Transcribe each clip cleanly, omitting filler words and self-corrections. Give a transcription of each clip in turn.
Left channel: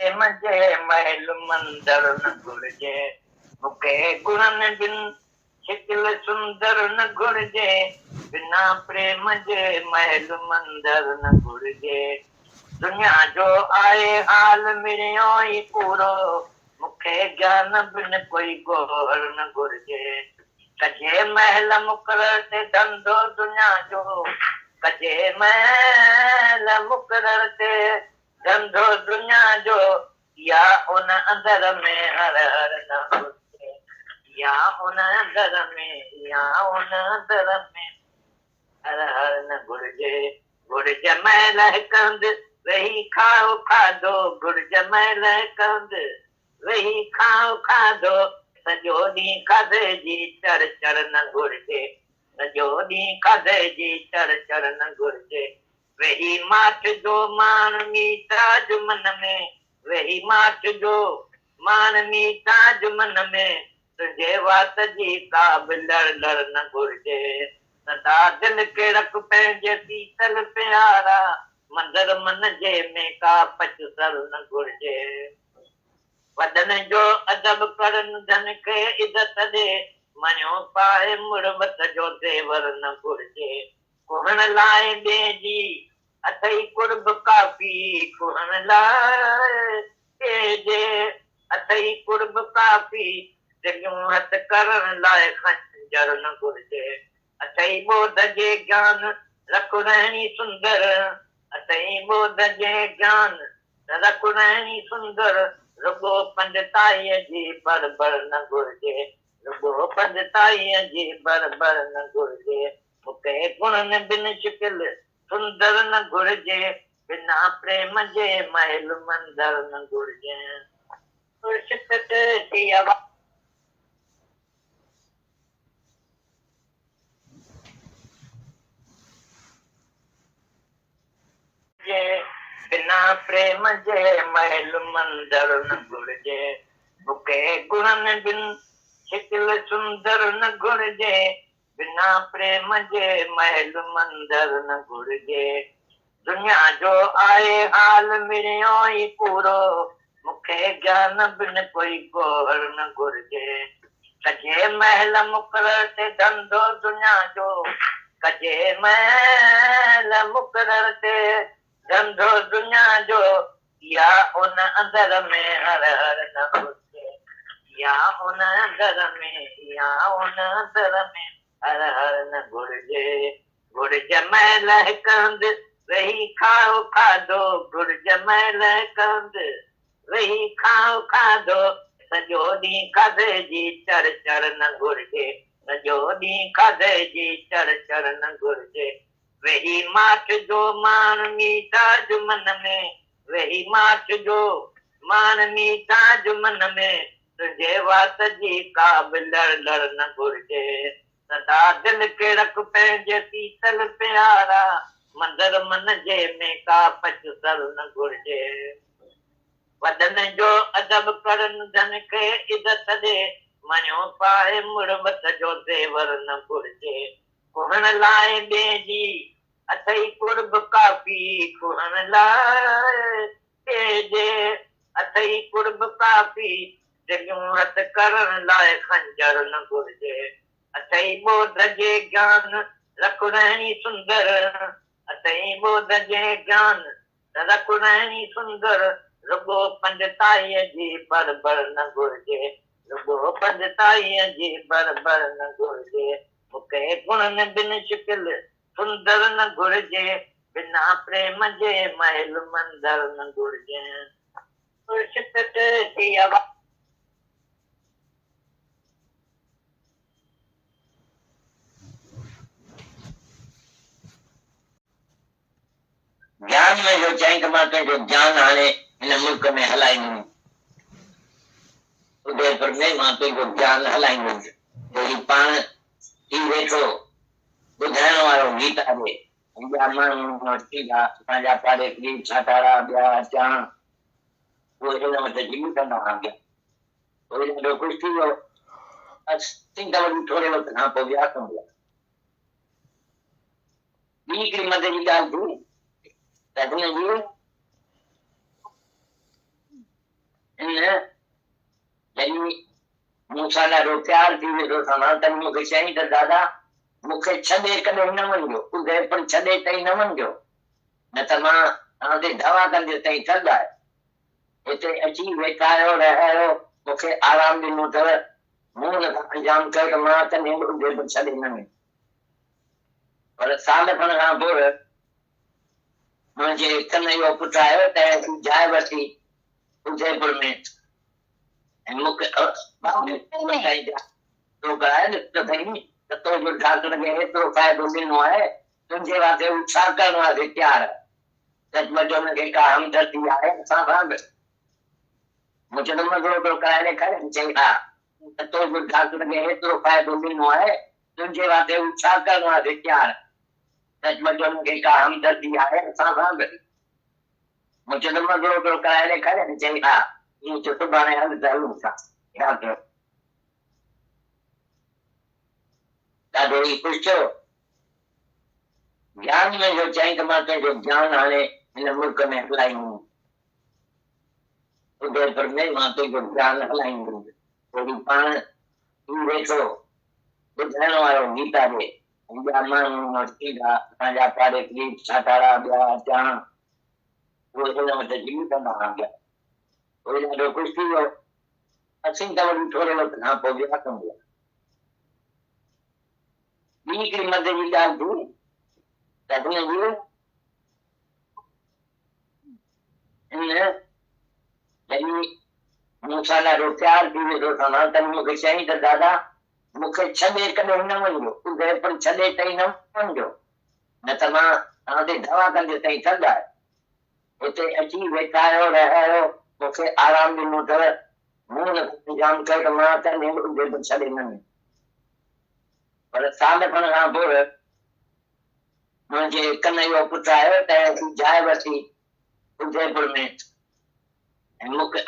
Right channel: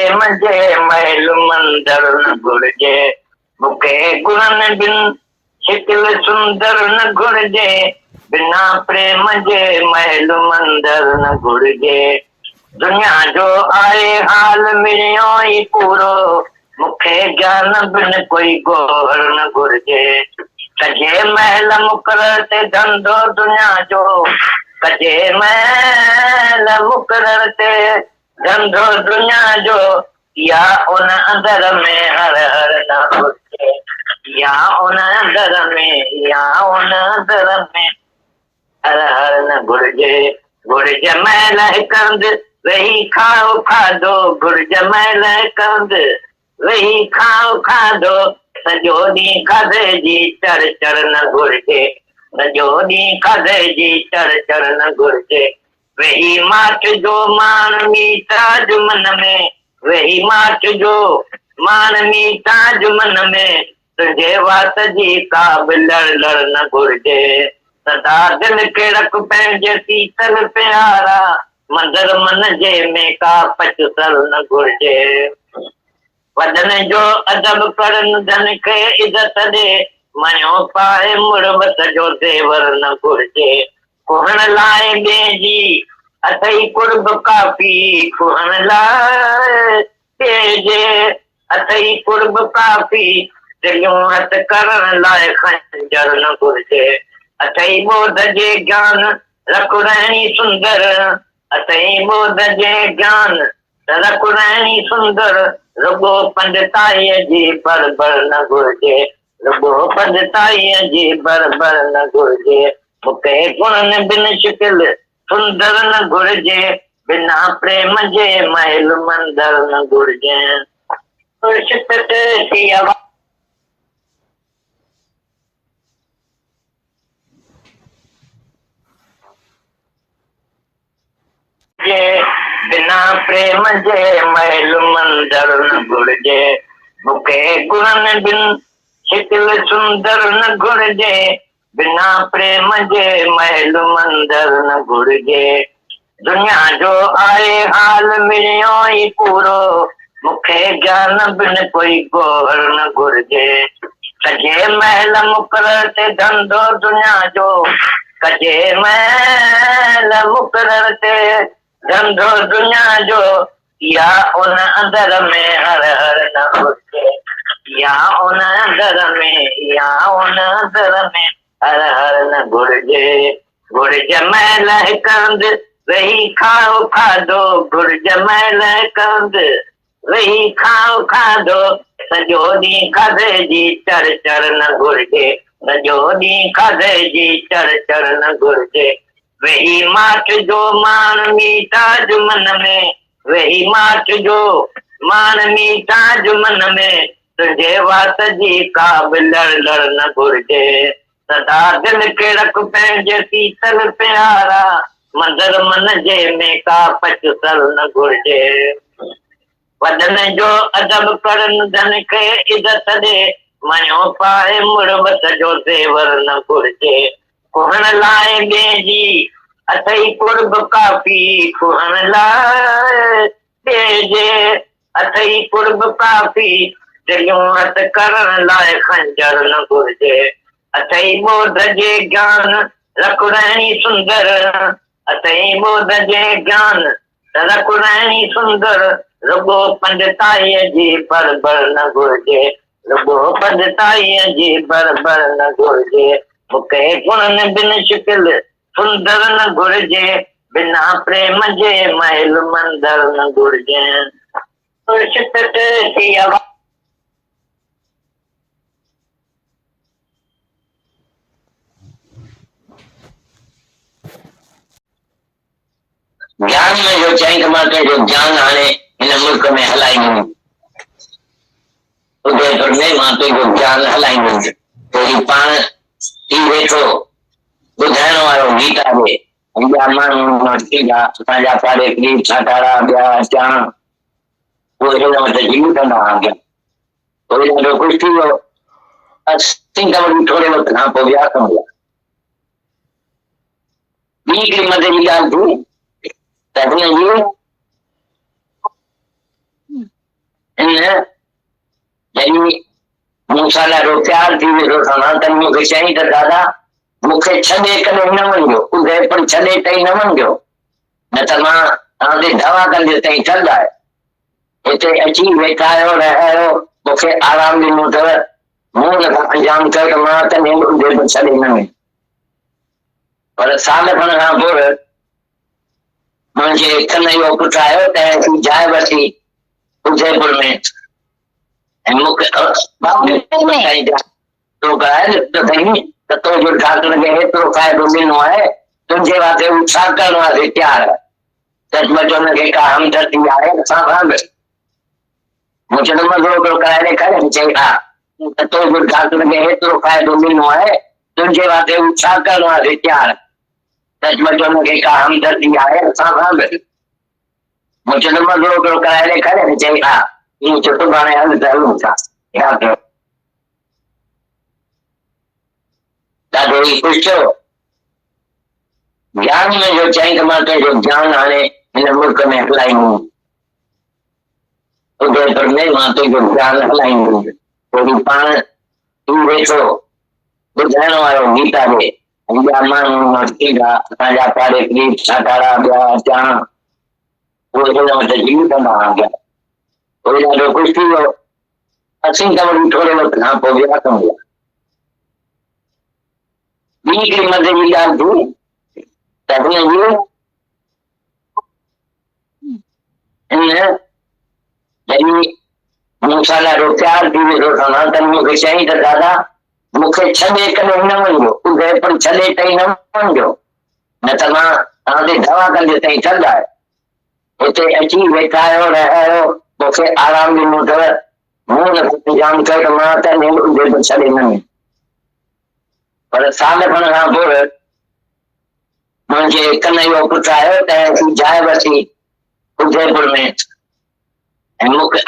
मजे महल मंदर न घुर्जे मूंखे गुणनि बिन शिकिल सुंदर न घुर्जे बिना प्रेम जे महल मंदर न घुर्जे दुनिया जो आहे हाल मिलियो ई पूरो मूंखे ज्ञान बिन कोई गोहर न घुर्जे कजे महल मुक़रर ते धंधो दुनिया जो कजे महल मुक़रर ते धंधो दुनिया जो या उन अंदर में हर हर न घुर्जे या उन अंदर में या उन अंदर में हर हर न घुर्जे घुर्ज महल हिकंद वेही खाओ खाधो घुर्ज महल हिकंद वेही खाओ खाधो सॼो ॾींहुं खाधे जी चढ़ चढ़ न घुर्जे सॼो ॾींहुं खाधे जी चढ़ चढ़ न घुर्जे वेही माठ जो मान मीताज मन में वेही माठ जो मान मीताज मन में तुंहिंजे वात जी का बि लड़ लड़ न घुर्जे सदा दिल खे रख पंहिंजे शीतल प्यारा मंदर मन जे में का पचसल न घुर्जे वॾनि जो अदब करनि धन खे इज़त ॾे मञो पाए मुड़बत जो तेवर न घुर्जे कुहण लाइ ॿिए जी अथई कुर्ब काफ़ी कुहण लाइ ॿिए जे अथई कुर्ब काफ़ी दिलियूं हथ करण लाइ खंजर न घुर्जे अथई ॿोध जे ज्ञान रखुरणी सुंदर अथई ॿोध जे ज्ञान रखुरणी सुंदर रुगो पंडिताईअ जी बरबर न घुर्जे रुगो पंडिताईअ जी बरबर न घुर्जे मूंखे गुणनि बिन शिकिल सुंदर न घुर्जे बिना प्रेम जे महल मंदर न घुर्जे बिना प्रेम जे महल मंदर न घुर्जे मूंखे गुणनि बिन शिकिल सुंदर न घुर्जे बिना प्रेम जे महल मंदर न घुर्जे दुनिया जो आहे हाल मिलियो ई पूरो मूंखे ज्ञान बिन कोई गोहर न घुर्जे कजे महल मुक़रर ते धंधो दुनिया जो कजे महल मुक़रर ते धंधो दुनिया जो या उन अंदर में हर हर न घुर्जे या उन अंदर में या उन अंदर में हर हर न घुर्जे घुर्ज महल हिकंद वेही खाओ खाधो घुर्ज महल हिकंद वेही खाओ खाधो सॼो ॾींहुं खाधे जी चढ़ चढ़ न घुर्जे सॼो ॾींहुं खाधे जी चढ़ चढ़ न घुर्जे वेही माठ जो मान मीताज मन में वेही माठ जो मान मीताज मन में तुंहिंजे वात जी का बि लड़ लड़ न घुर्जे सदा दिल खे रख पंहिंजे शीतल प्यारा मंदर मन जे में का पचसल न घुर्जे वॾनि जो अदब करनि धन खे इज़त ॾे मञो पाए मुड़बत जो तेवर न घुर्जे कुहण लाइ ॿिए जी अथई कुर्ब काफ़ी कुहण लाइ ॿिए जे अथई कुर्ब काफ़ी दिलियूं हथ करण लाइ खंजर न घुर्जे अथई ॿोध जे ज्ञान रखुरणी सुंदर अथई ॿोध जे ज्ञान रखुरणी सुंदर रुगो पंडिताईअ जी बरबर न घुर्जे रुगो पंडिताईअ जी बरबर न घुर्जे मूंखे गुणनि बिन शिकिल सुंदर न घुर्जे, बिना प्रेम जे महल मंदर न घुर्जे। ज्ञान में जो चई कमाते जो ज्ञान हाणे इन मुल्क में हलाईंदियूं, उदयपुर में माते जो ज्ञान हलाईंदियूं, कोई पाण थी वेठो ॿुधाइण वारो गीता जे ॿिया माण्हू थींदा असांजा पाड़े पीर छाकारा ॿिया अचां उहे हिन वटि जीव कंदा हुआ। कोई ॾाढो ख़ुशि थी वियो। असीं त वरी थोरे वक़्त खां पोइ विया कमु ॿी हिकिड़ी मदद जी ॻाल्हि थी त हिन जी जॾहिं मूंसां ॾाढो प्यार थी वियो त मूंखे चई त दादा मूंखे छॾे कॾहिं न वञिजो, उदयपुर छॾे ताईं न वञिजो, न त मां तव्हांखे दवा कंदे ताईं ठंड आहे। हिते अची वेठा आहियो रहियो मूंखे आराम ॾिनो अथव, मूं नथा अंजाम कयो त मां त उदयपुर छॾे न वञ। पर साल खण खां पोइ मुंहिंजे कन जो पुटु आयो त जाइ वठी उदयपुर में हेतिरो फ़ाइदो ॾिनो आहे तुंहिंजे वास्ते हू छा करण वास्ते तयार आहे। सचमुच हुनखे का हमदर्दी आहे असां सां बि। मूं चयो मज़ो पियो कराए ॾेखारे, चई हा त तुंहिंजो डॉक्टर खे हेतिरो फ़ाइदो ॾिनो आहे तुंहिंजे वास्ते हू छा करण वास्ते तयार आहे। सचमुच हुनखे का हमदर्दी आहे असां सां बि। मूं चयो मज़ो पियो कराए ॾेखारे, चई हा ईअं चयो सुभाणे हल त हलूं था। ॾाढो ई ख़ुशि थियो। ज्ञान में जो चई मां तुंहिंजो ज्ञान हाणे हिन मुल्क में हलाईंदुमि, उदयपुर में मां तुंहिंजो ज्ञान हलाईंदुमि, कोई पाण थी वेठो ॿुधाइण वारो गीता जे ॿिया माण्हू थींदा असांजा पाड़े पीर छाकारा ॿिया अचां उहे हिन वटि जीव कंदा हुआ। कोई ॾाढो ख़ुशि थी वियो। असीं त वरी थोरे वक़्त खां पोइ विया कमु ॿी हिकिड़ी मदद जी ॻाल्हि थी त जॾहिं मूंसां ॾाढो प्यार थी वियो त मूंखे चई त दादा मूंखे छॾे कॾहिं न वञिजो, उदयपुर छॾे ताईं न वञिजो, न त मां तव्हांखे दवा कंदे ताईं ठंड आहे। हिते अची वेठा आहियो रहियो मूंखे आराम ॾिनो अथव, मूं नथा इंतजाम कयो त मां त उदयपुर छॾे न वञ। पर साल खण खां पोइ मुंहिंजे कन जो पुटु आयो त जाइ वठी उदयपुर में मूंखे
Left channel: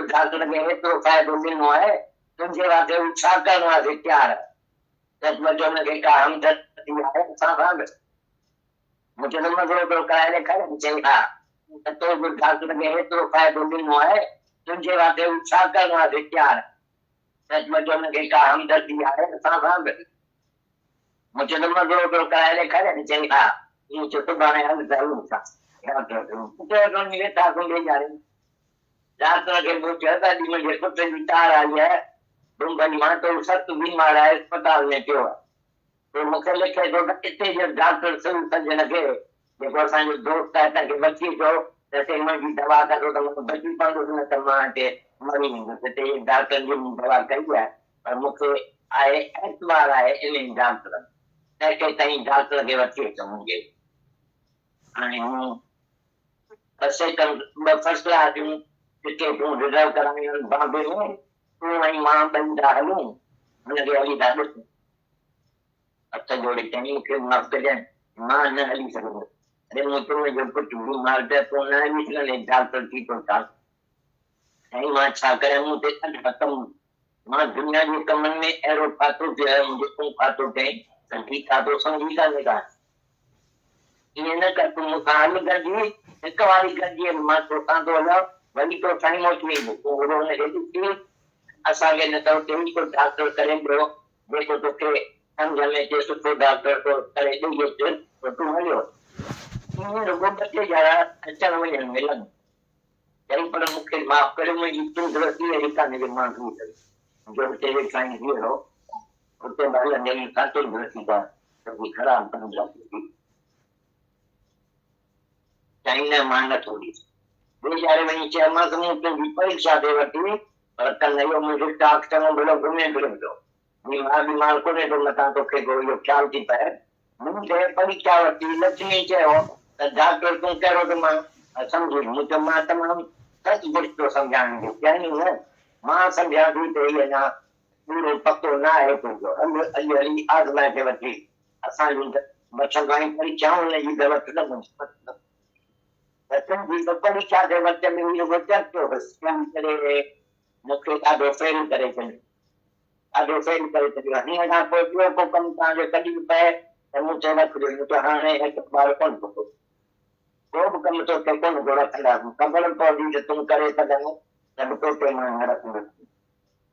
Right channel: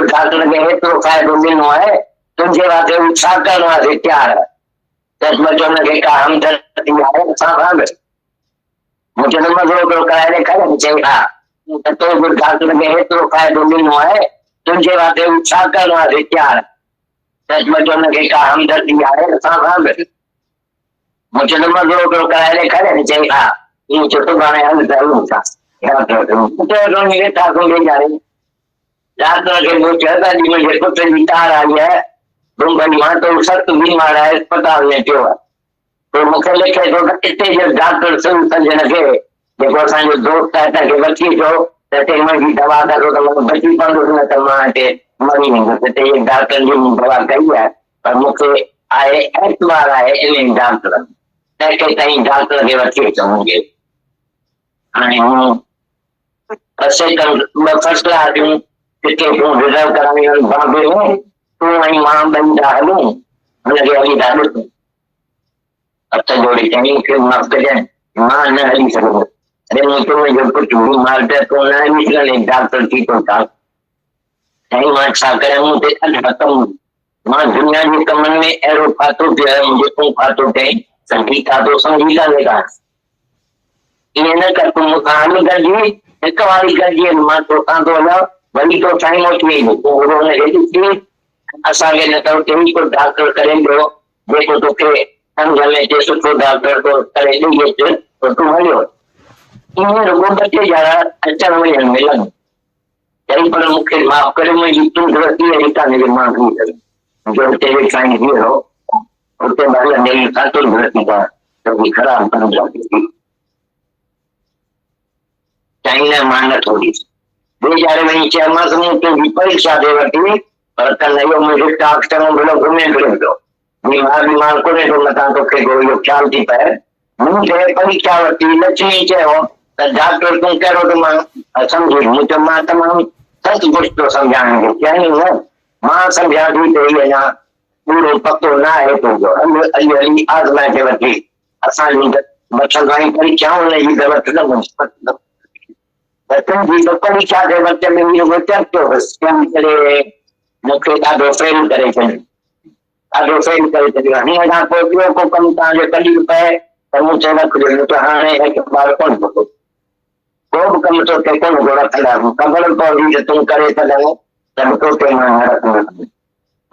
डॉक्टर खे हेतिरो फ़ाइदो ॾिनो आहे तुंहिंजे वास्ते हू छा करण वास्ते तयार आहे। सचमुच हुनखे का हमदर्दी आहे असां सां बि। मूं चयो मज़ो पियो कराए ॾेखारे, चई हा त तुंहिंजो डॉक्टर खे हेतिरो फ़ाइदो ॾिनो आहे तुंहिंजे वास्ते हू छा करण वास्ते तयार आहे। सचमुच हुनखे का हमदर्दी आहे असां सां बि। मूं चयो मज़ो पियो कराए ॾेखारे, चई हा ईअं चयो सुभाणे हल त हलूं था। डॉक्टर खे मूं चयो त मुंहिंजे पुट जी तार आई आहे मुंबई मां त सख़्तु बीमार आहे अस्पताल में पियो आहे। पोइ मूंखे लिखे थो त हिते जो डॉक्टर सज्जन खे जेको असांजो दोस्त आहे तंहिंखे वठी अचो त हिते मुंहिंजी दवा करो त मां बची पवंदुसि, न त मां हिते मरी वेंदुसि। हिते डॉक्टर जी मूं दवा कई आहे पर मूंखे आहे एतवार आहे इन डॉक्टर तंहिंखे ताईं डॉक्टर खे वठी अचो मुंहिंजे। हाणे हूं ॿ फैसला ॾियूं टिकेटूं रिजर्व करायूं बॉम्बे में, तूं ऐं मां ॿई था हलूं, हुनखे हली था ॾिसूं। हथ जोड़ी चई मूंखे माफ़ कजांइ मां न हली सघंदुसि। अरे मूं तुंहिंजो पुटु बीमार पियो तूं न हली सघंदे, डॉक्टर थी थो था। साईं मां छा कयां, मूं ते ॾाढा कम, मां दुनिया जे कमनि में अहिड़ो फाथो पियो आहे जेको फाथो कई संगी खाधो संगी था वेठा। ईअं न कर तूं मूंखां हली गॾिजी हिकु वारी गॾिजी मां तोखां थो हलां वरी तो टाइम अची वेंदो पोइ हुनखे ॾिसी असांखे न त कहिड़ी को डॉक्टर करे ॾियो जेको तोखे सम्झ में अचे सुठो डॉक्टर तो करे ॾेई अचे त तूं हलियो। ईअं रुॻो ॿ टे ॼणा अचण वञण मिलनि चई पर मूंखे माफ़ करे मुंहिंजी तूं गलती अहिड़ी कान्हे की मां थी सघां जो हिते वेठा आहिनि हीरो उसके बाद मेरी सातों भर्ती का कभी खराब बन जाती थी, चाइना मानत होती बेचारे वही 6 मास की परीक्षा दे रखी और कल मुझे टाक्सम बोलो घूमे फिर दो बीमार को तो मता तो के गो ख्याल थी पर मुझे परीक्षा वती लक्ष्मी चयो डॉक्टर तुम करो तो मां समझी मुझे मां तमाम सच कुछ तो समझाएंगे क्या नहीं है मां समझा दी तो ये ना पूरो पतो ना है तो जो अली आजमा के वती असा बच्चों की परीक्षाओं ने ही गलत न तुम तो परीक्षा के बच्चे में ये होता तो स्कैम करे मुझे आधो फेल करे आधो फेल करे तो हमें ना कोई को कम ता जो कली पे तो मुझे रख दे तो हाने एक बार कौन को कम तो के कौन गोरा खड़ा कबर को भी तुम करे तो लगे तब तो के ना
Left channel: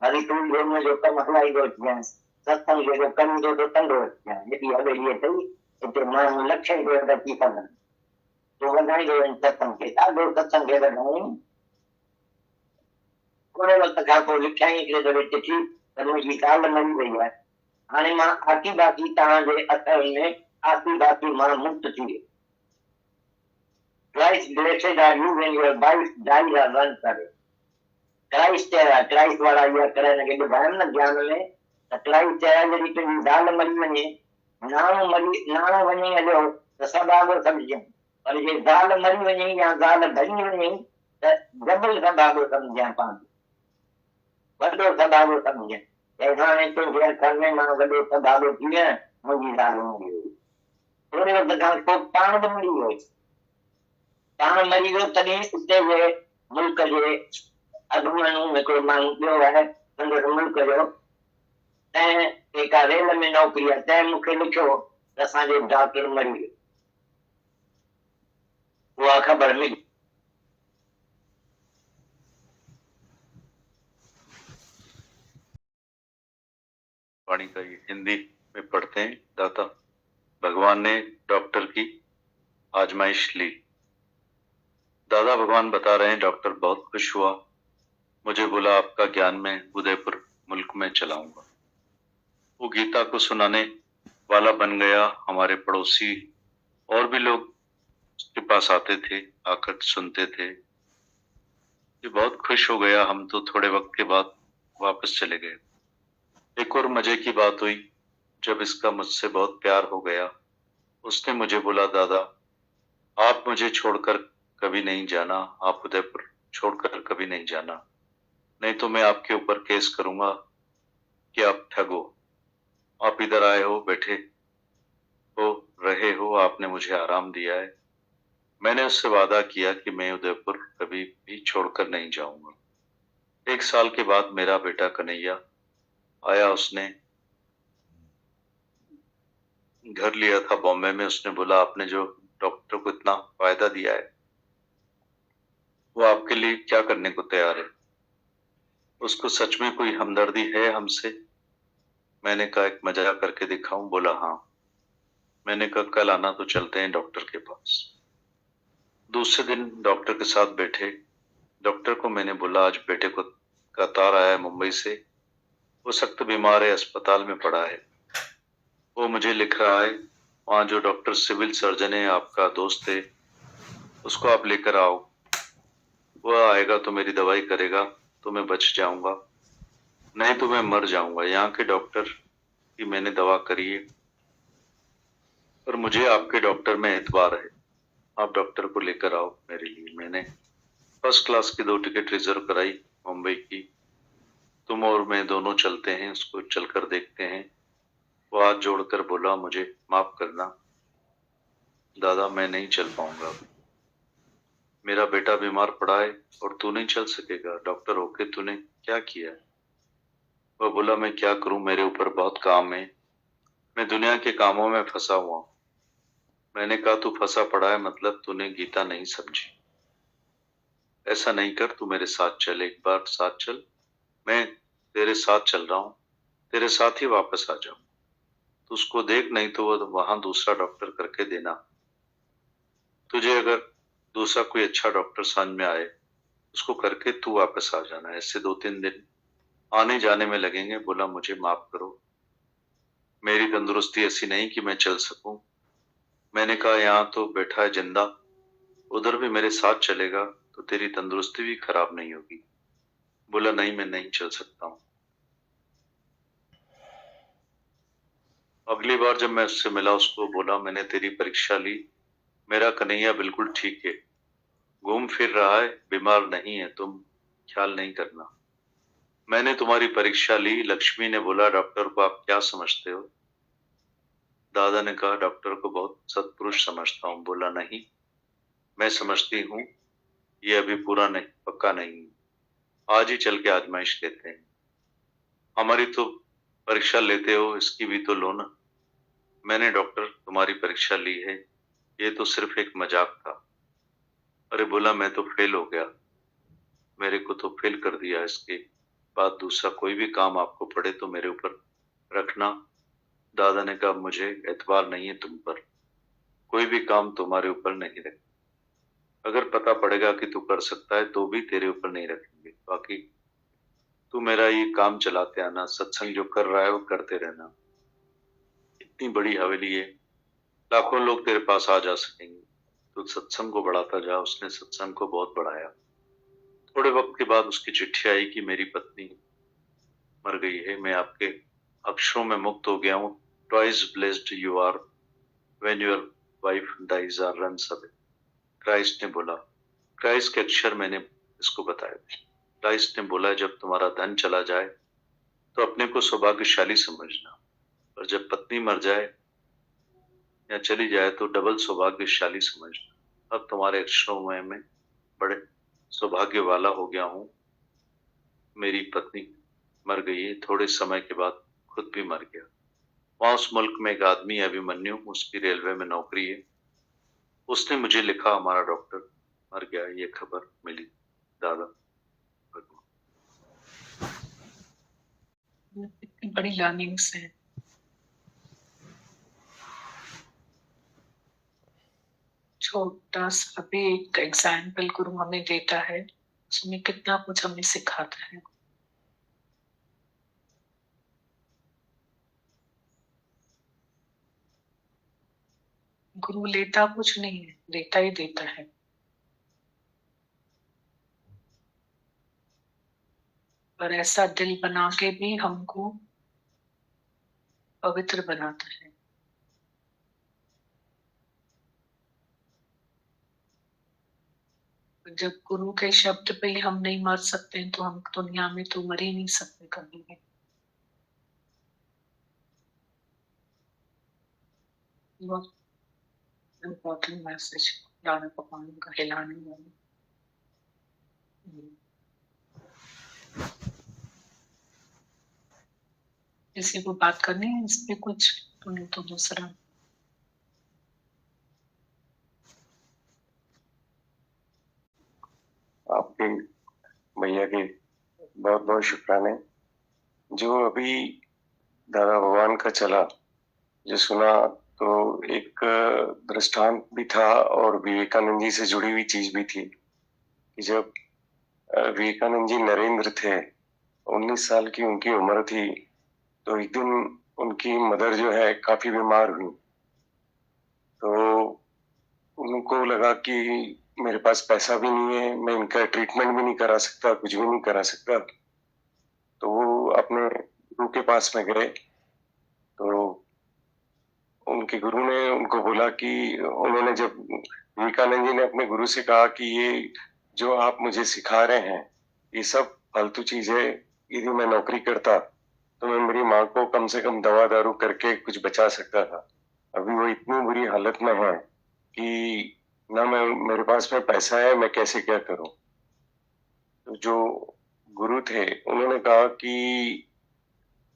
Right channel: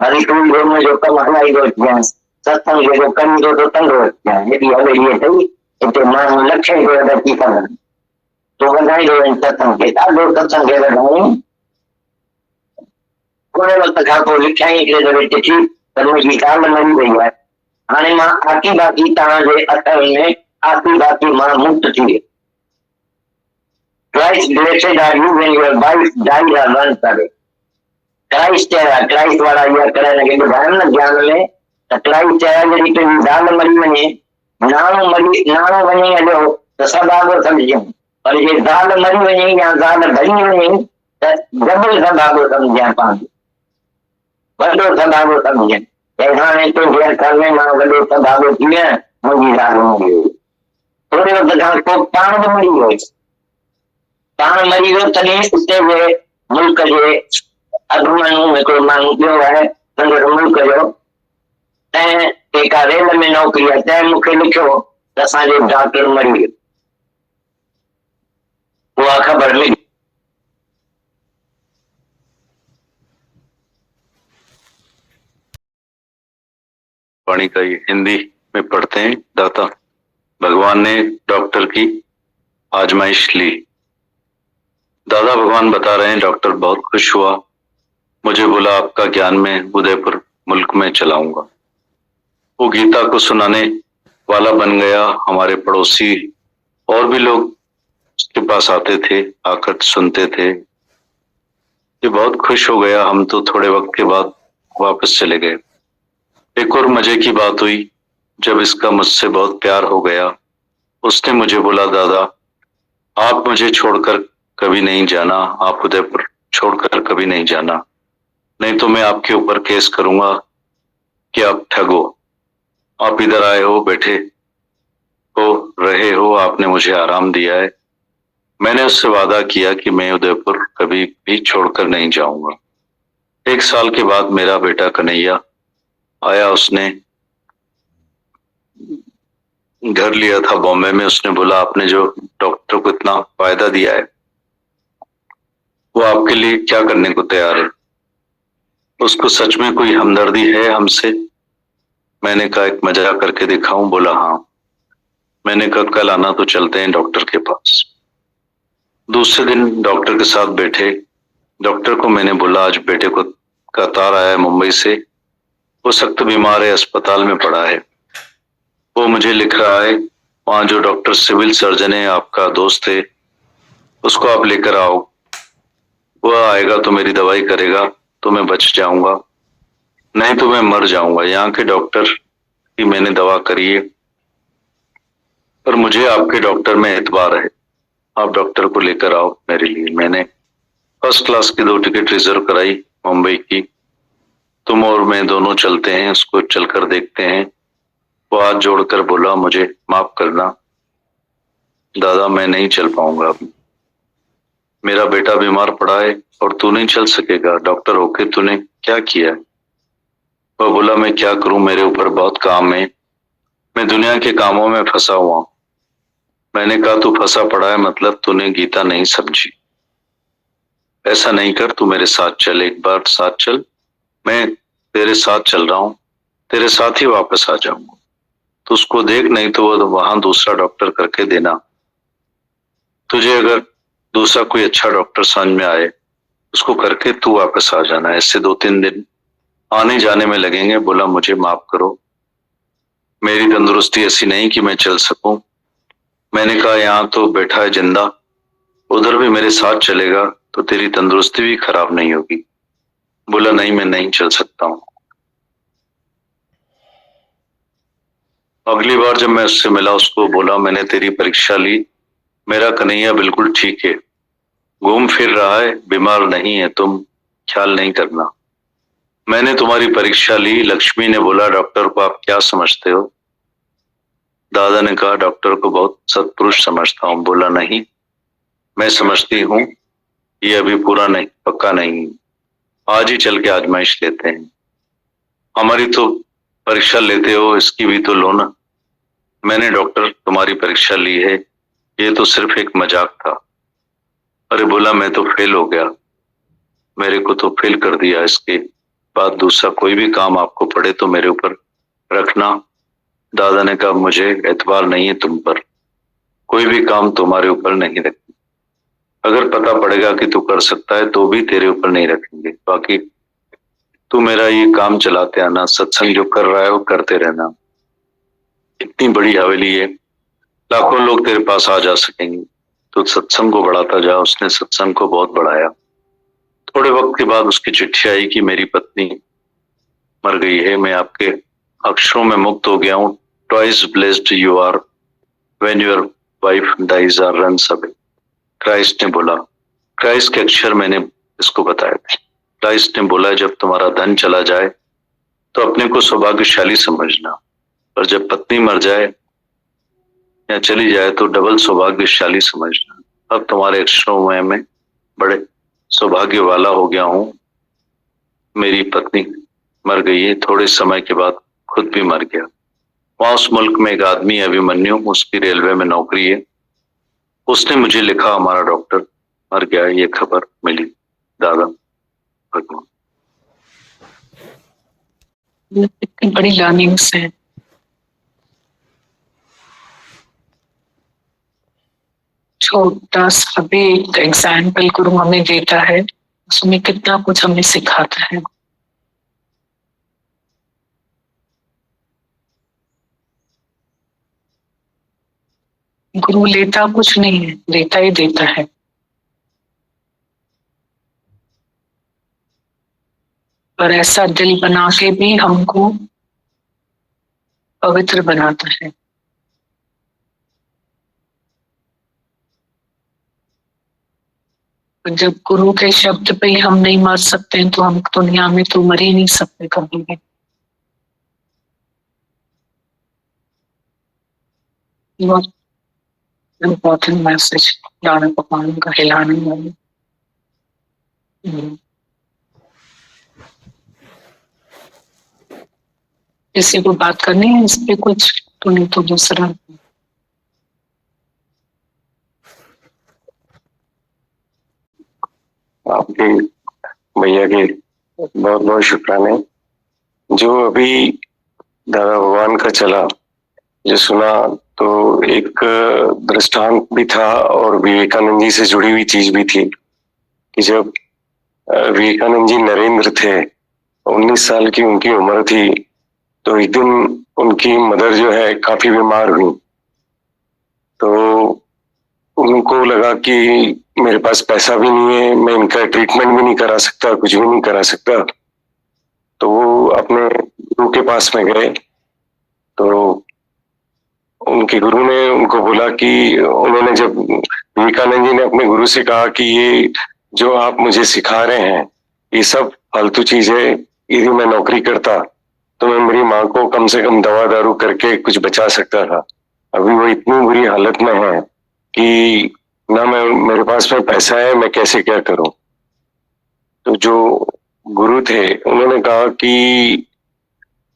हरी तुम में जो कम हलाई दो क्या सत्संग जो कम जो तंग हो क्या ये भी हवे ये थी तो मान लक्ष्य को अदा करना तो बनाई दो इन सत्संग के दो सत्संग के बनाई कोई वक्त का को लिखाई के दे थी पर मुझे काल मरी गई है हाने मां आकी बाकी ता जे अथर में आकी बाकी मां मुक्त थी Christ blessed are you when your wife died or runs away. Christ वाला यह करे लगे ध्यान ज्ञान में तो Christ यदि तो दाल मरी बने नानो बने जो तो सब आगो समझे और ये दाल मरी बने या दाल भरी बने तो डबल सब आगो समझे पांच बड़ो सब आगो समझे ऐसा नहीं तो फिर करने मां बड़ो सब आगो किया मुझे दाल होंगे थोड़े वक्त को पांच मरी हो तान मरी हो तने उते हुए मुल्क जे अगमनु में कोई मांग जो है संग मुल्क जो ऐ एक रेल में नौकरी है मुखे लिखो असा जो डॉक्टर मरी वो खबर मिली वाणी का ये हिंदी में पढ़ते हैं। दाता भगवान ने डॉक्टर की आजमाइश ली। दादा भगवान बता रहे हैं डॉक्टर बहुत खुश हुआ, मुझे बोला आपका ज्ञान में उदयपुर मुल्क में चलाऊंगा। वो गीता को सुनाने वाला बन गया। हमारे पड़ोसी और भी लोग उसके पास आते थे, आकर सुनते थे। ये बहुत खुश हो गया। हम तो थोड़े वक्त के बाद वापस चले गए। एक और मजे की बात हुई, जब इसका मुझसे बहुत प्यार हो गया उसने मुझे बोला दादा आप मुझे छोड़कर कभी नहीं जाना, आप उदयपुर छोड़कर कभी नहीं जाना, नहीं तो मैं आपके ऊपर केस करूंगा कि आप ठगो। आप इधर आए हो, बैठे हो, रहे हो, आपने मुझे आराम दिया है। मैंने उससे वादा किया कि मैं उदयपुर कभी भी छोड़कर नहीं जाऊंगा। 1 साल के बाद मेरा बेटा कन्हैया आया। उसने घर लिया था बॉम्बे में। उसने बोला आपने जो डॉक्टर को इतना फायदा दिया है वो आपके लिए क्या करने को तैयार है, उसको सच में कोई हमदर्दी है हमसे? मैंने कहा एक मजाक करके दिखाऊं? बोला हाँ। मैंने कहा कल आना तो चलते हैं डॉक्टर के पास। दूसरे दिन डॉक्टर के साथ बैठे। डॉक्टर को मैंने बोला आज बेटे को का तार आया है मुंबई से, वो सख्त बीमार है, अस्पताल में पड़ा है। वो मुझे लिख रहा है वहां जो डॉक्टर सिविल सर्जन है आपका दोस्त है उसको आप लेकर आओ, वह आएगा तो मेरी दवाई करेगा तो मैं बच जाऊंगा, नहीं तो मैं मर जाऊंगा। यहाँ के डॉक्टर की मैंने दवा करी है पर मुझे आपके डॉक्टर में एतबार है, आप डॉक्टर को लेकर आओ मेरे लिए। मैंने फर्स्ट क्लास की 2 टिकट रिजर्व कराई मुंबई की। तुम और मैं दोनों चलते हैं, उसको चलकर देखते हैं। वो हाथ जोड़कर बोला मुझे माफ करना दादा, मैं नहीं चल पाऊंगा, मेरा बेटा बीमार पड़ा है और तू नहीं चल सकेगा। डॉक्टर होके तूने क्या किया? वह बोला मैं क्या करूं, मेरे ऊपर बहुत काम है, मैं दुनिया के कामों में फंसा हुआ। मैंने कहा तू फंसा पड़ा है मतलब तूने गीता नहीं समझी। ऐसा नहीं कर, तू मेरे साथ चल, एक बार साथ चल, मैं तेरे साथ चल रहा हूं, तेरे साथ ही वापस आ जाऊंगा। तो उसको देख, नहीं तो वो वहां दूसरा डॉक्टर करके देना। तुझे अगर दूसरा कोई अच्छा डॉक्टर समझ में आए उसको करके तू वापस आ जाना। ऐसे 2-3 दिन आने जाने में लगेंगे। बोला मुझे माफ करो, मेरी तंदुरुस्ती ऐसी नहीं कि मैं चल सकूं। मैंने कहा यहाँ तो बैठा है जिंदा, उधर भी मेरे साथ चलेगा तो तेरी तंदुरुस्ती भी खराब नहीं होगी। बोला नहीं, मैं नहीं चल सकता हूँ। अगली बार जब मैं उससे मिला, उसको बोला मैंने तेरी परीक्षा ली, मेरा कन्हैया बिल्कुल ठीक है, घूम फिर रहा है, बीमार नहीं है, तुम ख्याल नहीं करना। मैंने तुम्हारी परीक्षा ली। लक्ष्मी ने बोला डॉक्टर को आप क्या समझते हो? दादा ने कहा डॉक्टर को बहुत सत्पुरुष समझता हूँ। बोला नहीं, मैं समझती हूँ ये अभी पूरा नहीं, पक्का नहीं, आज ही चल के आजमाइश लेते हैं। हमारी तो परीक्षा लेते हो, इसकी भी तो लो ना। मैंने डॉक्टर तुम्हारी परीक्षा ली है, ये तो सिर्फ एक मजाक था। अरे बोला मैं तो फेल हो गया, मेरे को तो फेल कर दिया, इसके बाद दूसरा कोई भी काम आपको पड़े तो मेरे ऊपर रखना। दादा ने कहा मुझे एतबार नहीं है तुम पर, कोई भी काम तुम्हारे ऊपर नहीं रखेंगे। अगर पता पड़ेगा कि तू कर सकता है तो भी तेरे ऊपर नहीं रखेंगे, बाकी तू मेरा ये काम चलाते आना, सत्संग जो कर रहा है वो करते रहना। इतनी बड़ी हवेली है, लाखों लोग तेरे पास आ जा सकेंगे, तो सत्संग को बढ़ाता जा। उसने सत्संग को बहुत बढ़ाया। थोड़े वक्त के बाद उसकी चिट्ठी आई कि मेरी पत्नी मर गई है, मैं आपके अक्षरों में मुक्त हो गया हूँ। Twice blessed you are when your wife dies or runs away. Christ ने बोला, क्राइस्ट के अक्षर मैंने इसको बताए थे। क्राइस्ट ने बोला जब तुम्हारा धन चला जाए तो अपने को सौभाग्यशाली समझना, और जब पत्नी मर जाए या चली जाए तो डबल सौभाग्यशाली समझना। अब तुम्हारे अक्षरों में मैं बड़े सौभाग्य वाला हो गया हूँ। मेरी पत्नी मर गई है, थोड़े समय के बाद खुद भी मर गया। वहां उस मुल्क में एक आदमी अभिमन्यु, उसकी रेलवे में नौकरी है। उसने मुझे लिखा हमारा डॉक्टर मर गया, ये खबर मिली। दादा भगवान, इतनी बड़ी लर्निंग्स है। छोटा सा भी एक एग्जाम्पल गुरु हमें देता है, उसमें कितना कुछ हमें सिखाता है। गुरु लेता कुछ नहीं है, देता ही देता है। पर ऐसा दिल बना के भी हमको पवित्र बनाता है। जब गुरु के शब्द पे ही हम नहीं मर सकते हैं तो हम दुनिया में तो मर ही नहीं सकते कभी भी। बहुत इम्पोर्टेंट मैसेज दादा भगवान का हिलाने वाले। किसी को बात करनी है इस पे कुछ, तो नहीं तो दूसरा। आपके भैया के बहुत बहुत शुक्राने। जो अभी दादा भगवान का चला, जो सुना, तो एक दृष्टांत भी था और विवेकानंद जी से जुड़ी हुई चीज भी थी कि जब विवेकानंद जी नरेंद्र थे, 19 साल की उनकी उम्र थी, तो एक दिन उनकी मदर जो है काफी बीमार हुई। तो उनको लगा कि मेरे पास पैसा भी नहीं है, मैं इनका ट्रीटमेंट भी नहीं करा सकता, कुछ भी नहीं करा सकता। तो वो अपने गुरु के पास में गए। तो उनके गुरु ने उनको बोला कि उन्होंने जब विवेकानंद जी ने अपने गुरु से कहा कि ये जो आप मुझे सिखा रहे हैं ये सब फालतू चीज है, यदि मैं नौकरी करता तो मैं मेरी माँ को कम से कम दवा दारू करके कुछ बचा सकता था। अभी वो इतनी बुरी हालत में है कि ना मेरे पास में पैसा है, मैं कैसे क्या करूं। तो जो गुरु थे उन्होंने कहा कि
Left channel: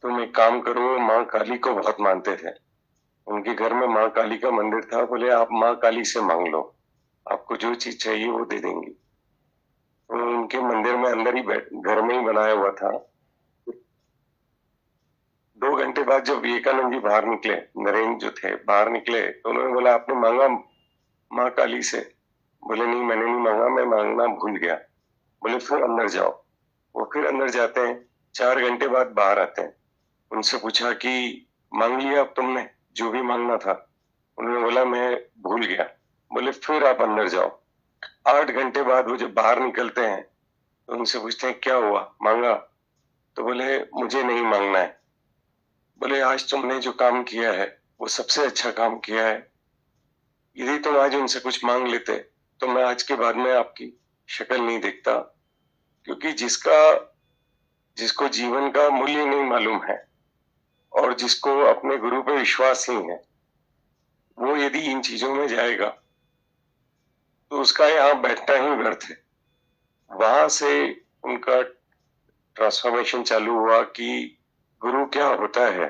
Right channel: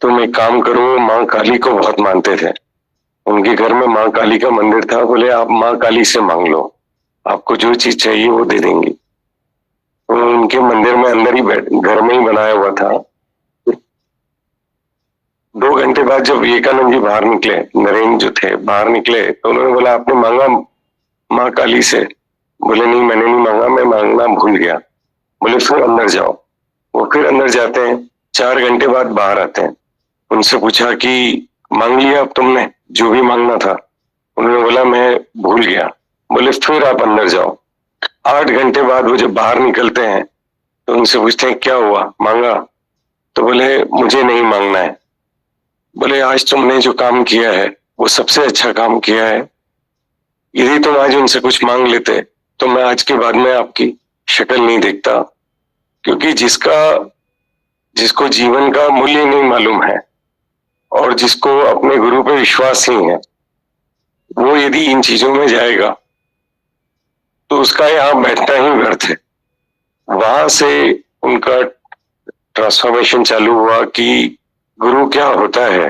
तुम एक काम करो, माँ काली को बहुत मानते थे, उनके घर में माँ काली का मंदिर था। बोले आप माँ काली से मांग लो, आपको जो चीज चाहिए वो दे देंगी। तो उनके मंदिर में अंदर ही घर में ही बनाया हुआ था। 2 घंटे बाद जब विवेकानंद जी बाहर निकले, नरेंद्र जो थे बाहर निकले, तो उन्होंने बोला आपने मांगा माँ काली से? बोले नहीं, मैंने नहीं मांगा, मैं मांगना भूल गया। बोले फिर अंदर जाओ। वो फिर अंदर जाते हैं, 4 घंटे बाद बाहर आते हैं। उनसे पूछा कि मांग लिया अब तुमने जो भी मांगना था? उन्होंने बोला मैं भूल गया। बोले फिर आप अंदर जाओ। 8 घंटे बाद वो जब बाहर निकलते हैं तो उनसे पूछते हैं क्या हुआ, मांगा? तो बोले मुझे नहीं मांगना है। बोले आज तुमने जो काम किया है वो सबसे अच्छा काम किया है। यदि तुम आज उनसे कुछ मांग लेते तो मैं आज के बाद में आपकी शक्ल नहीं देखता, क्योंकि जिसको जीवन का मूल्य नहीं मालूम है और जिसको अपने गुरु पे विश्वास नहीं है, वो यदि इन चीजों में जाएगा तो उसका यहाँ बैठना ही व्यर्थ है। वहां से उनका ट्रांसफॉर्मेशन चालू हुआ कि गुरु क्या होता है।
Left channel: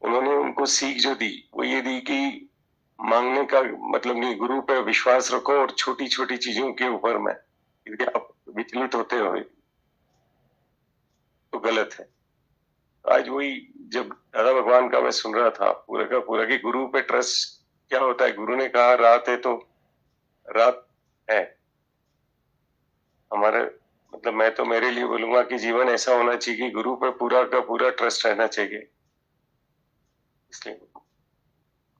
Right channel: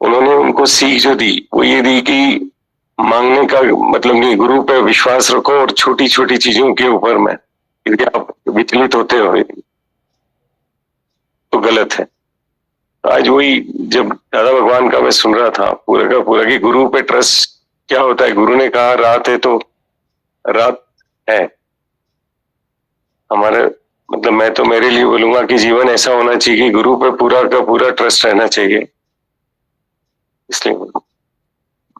उन्होंने उनको सीख जो दी वो ये दी कि मांगने का मतलब नहीं, गुरु पे विश्वास रखो और छोटी छोटी चीजों के ऊपर में यदि आप विचलित होते हो तो गलत है। आज वही जब दादा भगवान का मैं सुन रहा था पूरा का पूरा कि गुरु पे ट्रस्ट क्या होता है। गुरु ने कहा रात है तो रात है। हमारे मतलब मैं तो मेरे लिए बोलूंगा कि जीवन ऐसा होना चाहिए कि गुरु पे पूरा का पूरा ट्रस्ट रहना चाहिए। इसलिए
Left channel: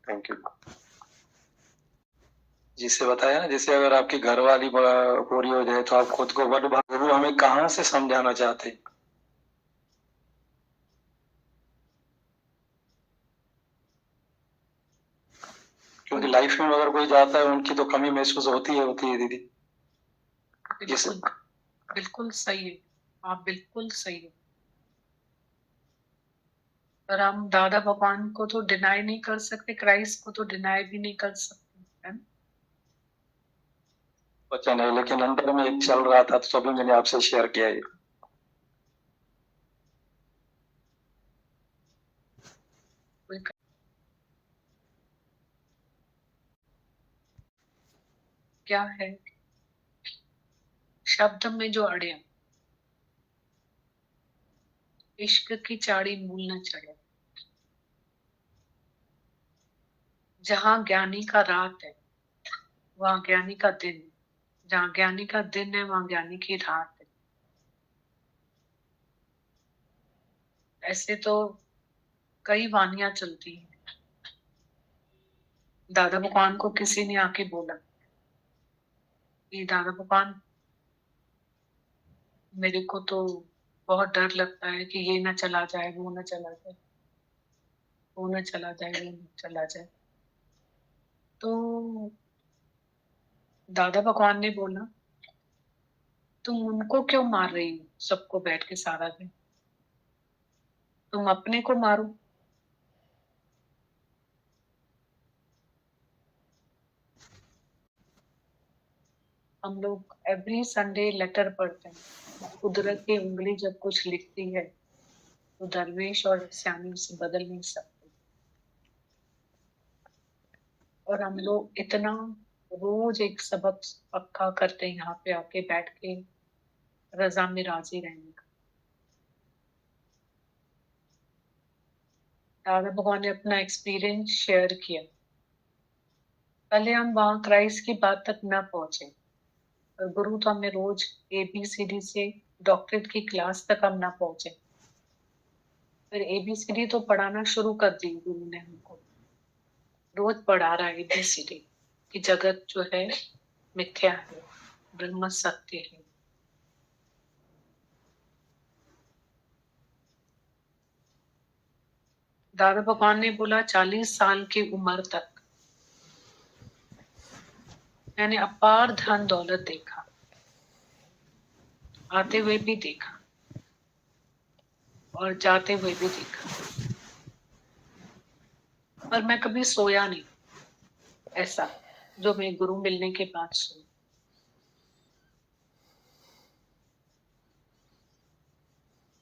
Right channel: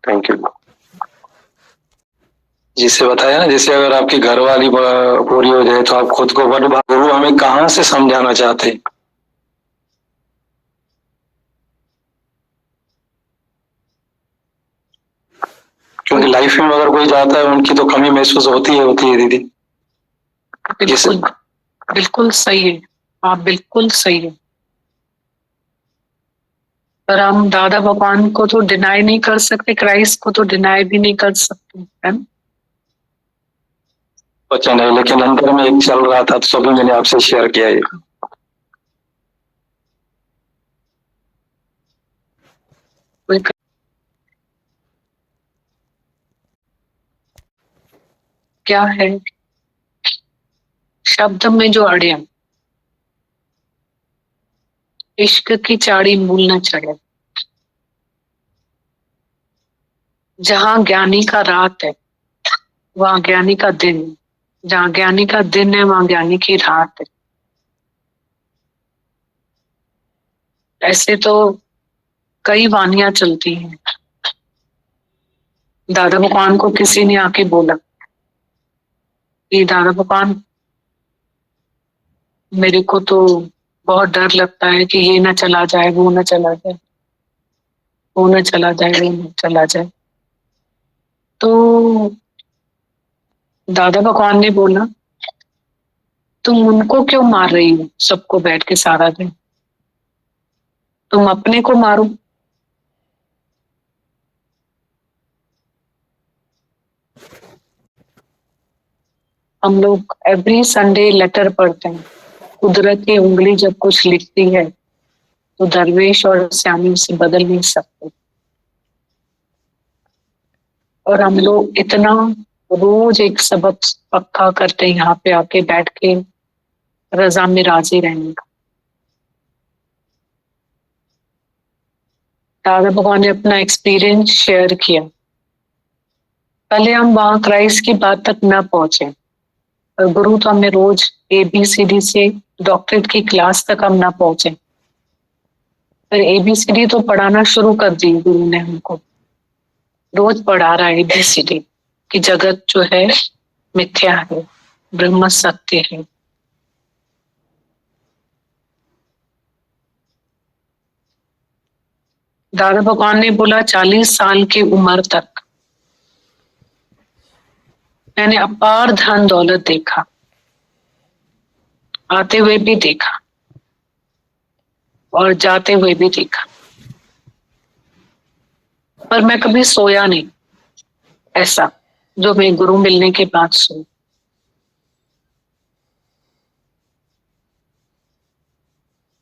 थैंक यू। जिससे बताया ना, जैसे अगर आपकी घरवाली पूरी हो जाए तो आप खुद को बड़ गुरु हमें कहाँ से समझाना चाहते हैं? क्योंकि लाइफ में अगर कोई जाता है उनकी तो कमी महसूस होती है दीदी। बिल्कुल बिल्कुल सही है, आप बिल्कुल सही है। पर हम दादा भगवान को तो डिनाई नहीं कर सकते, क्राइस्ट को तो डिनाई भी नहीं कर सकते, है ना? बच्चा नहीं, लेकिन अंदर में एक चल रहा था तो सभी मैंने आपसे शेयर किया है। क्या है शब्द में जो अड़े, इश्क की चाड़ी मूल न चढ़े। जहां ज्ञानी का रात है वहां ज्ञानी का दिन, जहां ज्ञानी का दिन है वहां ज्ञानी की रात है। ऐसे तो कई वानियां चलती हैं। दादा भगवान को किसी ने आके बोला कि दादा भगवान मेरे को तो बहुत डर लगता है कि ये ना चला जाए, वो ना चला जाए, वो ना चला जाए, वो ना चला जाए। तो दादा भगवान ने बोला तुम उनको क्यों मार रही हो सबको बैठ के सारा दिन, तुम अपने को मारो। हम लोग एवरी संडे लेटर पढ़ते हैं। कुदरत की उंगली जब कुछ लिखती है तो दरवेश और श्यामी उसे बदल नहीं सकते। और हम लोग इतना रोज एक सबक पक्का करते हैं यहाँ पे आके बैठ के रजा में राजी रहने का। दादा भगवान ने अपना एक्सपीरियंस शेयर किया। पहले हम वहां क्राइस्ट की बात तक न पहुंचे, और गुरु तो हमें रोज ABCD से डॉक्टरेट की क्लास तक हम ना पहुंचे, पर ABCD तो पढ़ाना शुरू कर दी गुरु ने। हमको रोज पढ़ा रहा है ABCD कि जगत जो है मिथ्या है, ब्रह्म सत्य है। दादा भगवान ने बोला 40 साल की उम्र तक मैंने अपार धन दौलत देखा, आते हुए भी देखा और जाते हुए भी देखा, पर मैं कभी सोया नहीं ऐसा जो मैं गुरु मिलने के बाद सोई।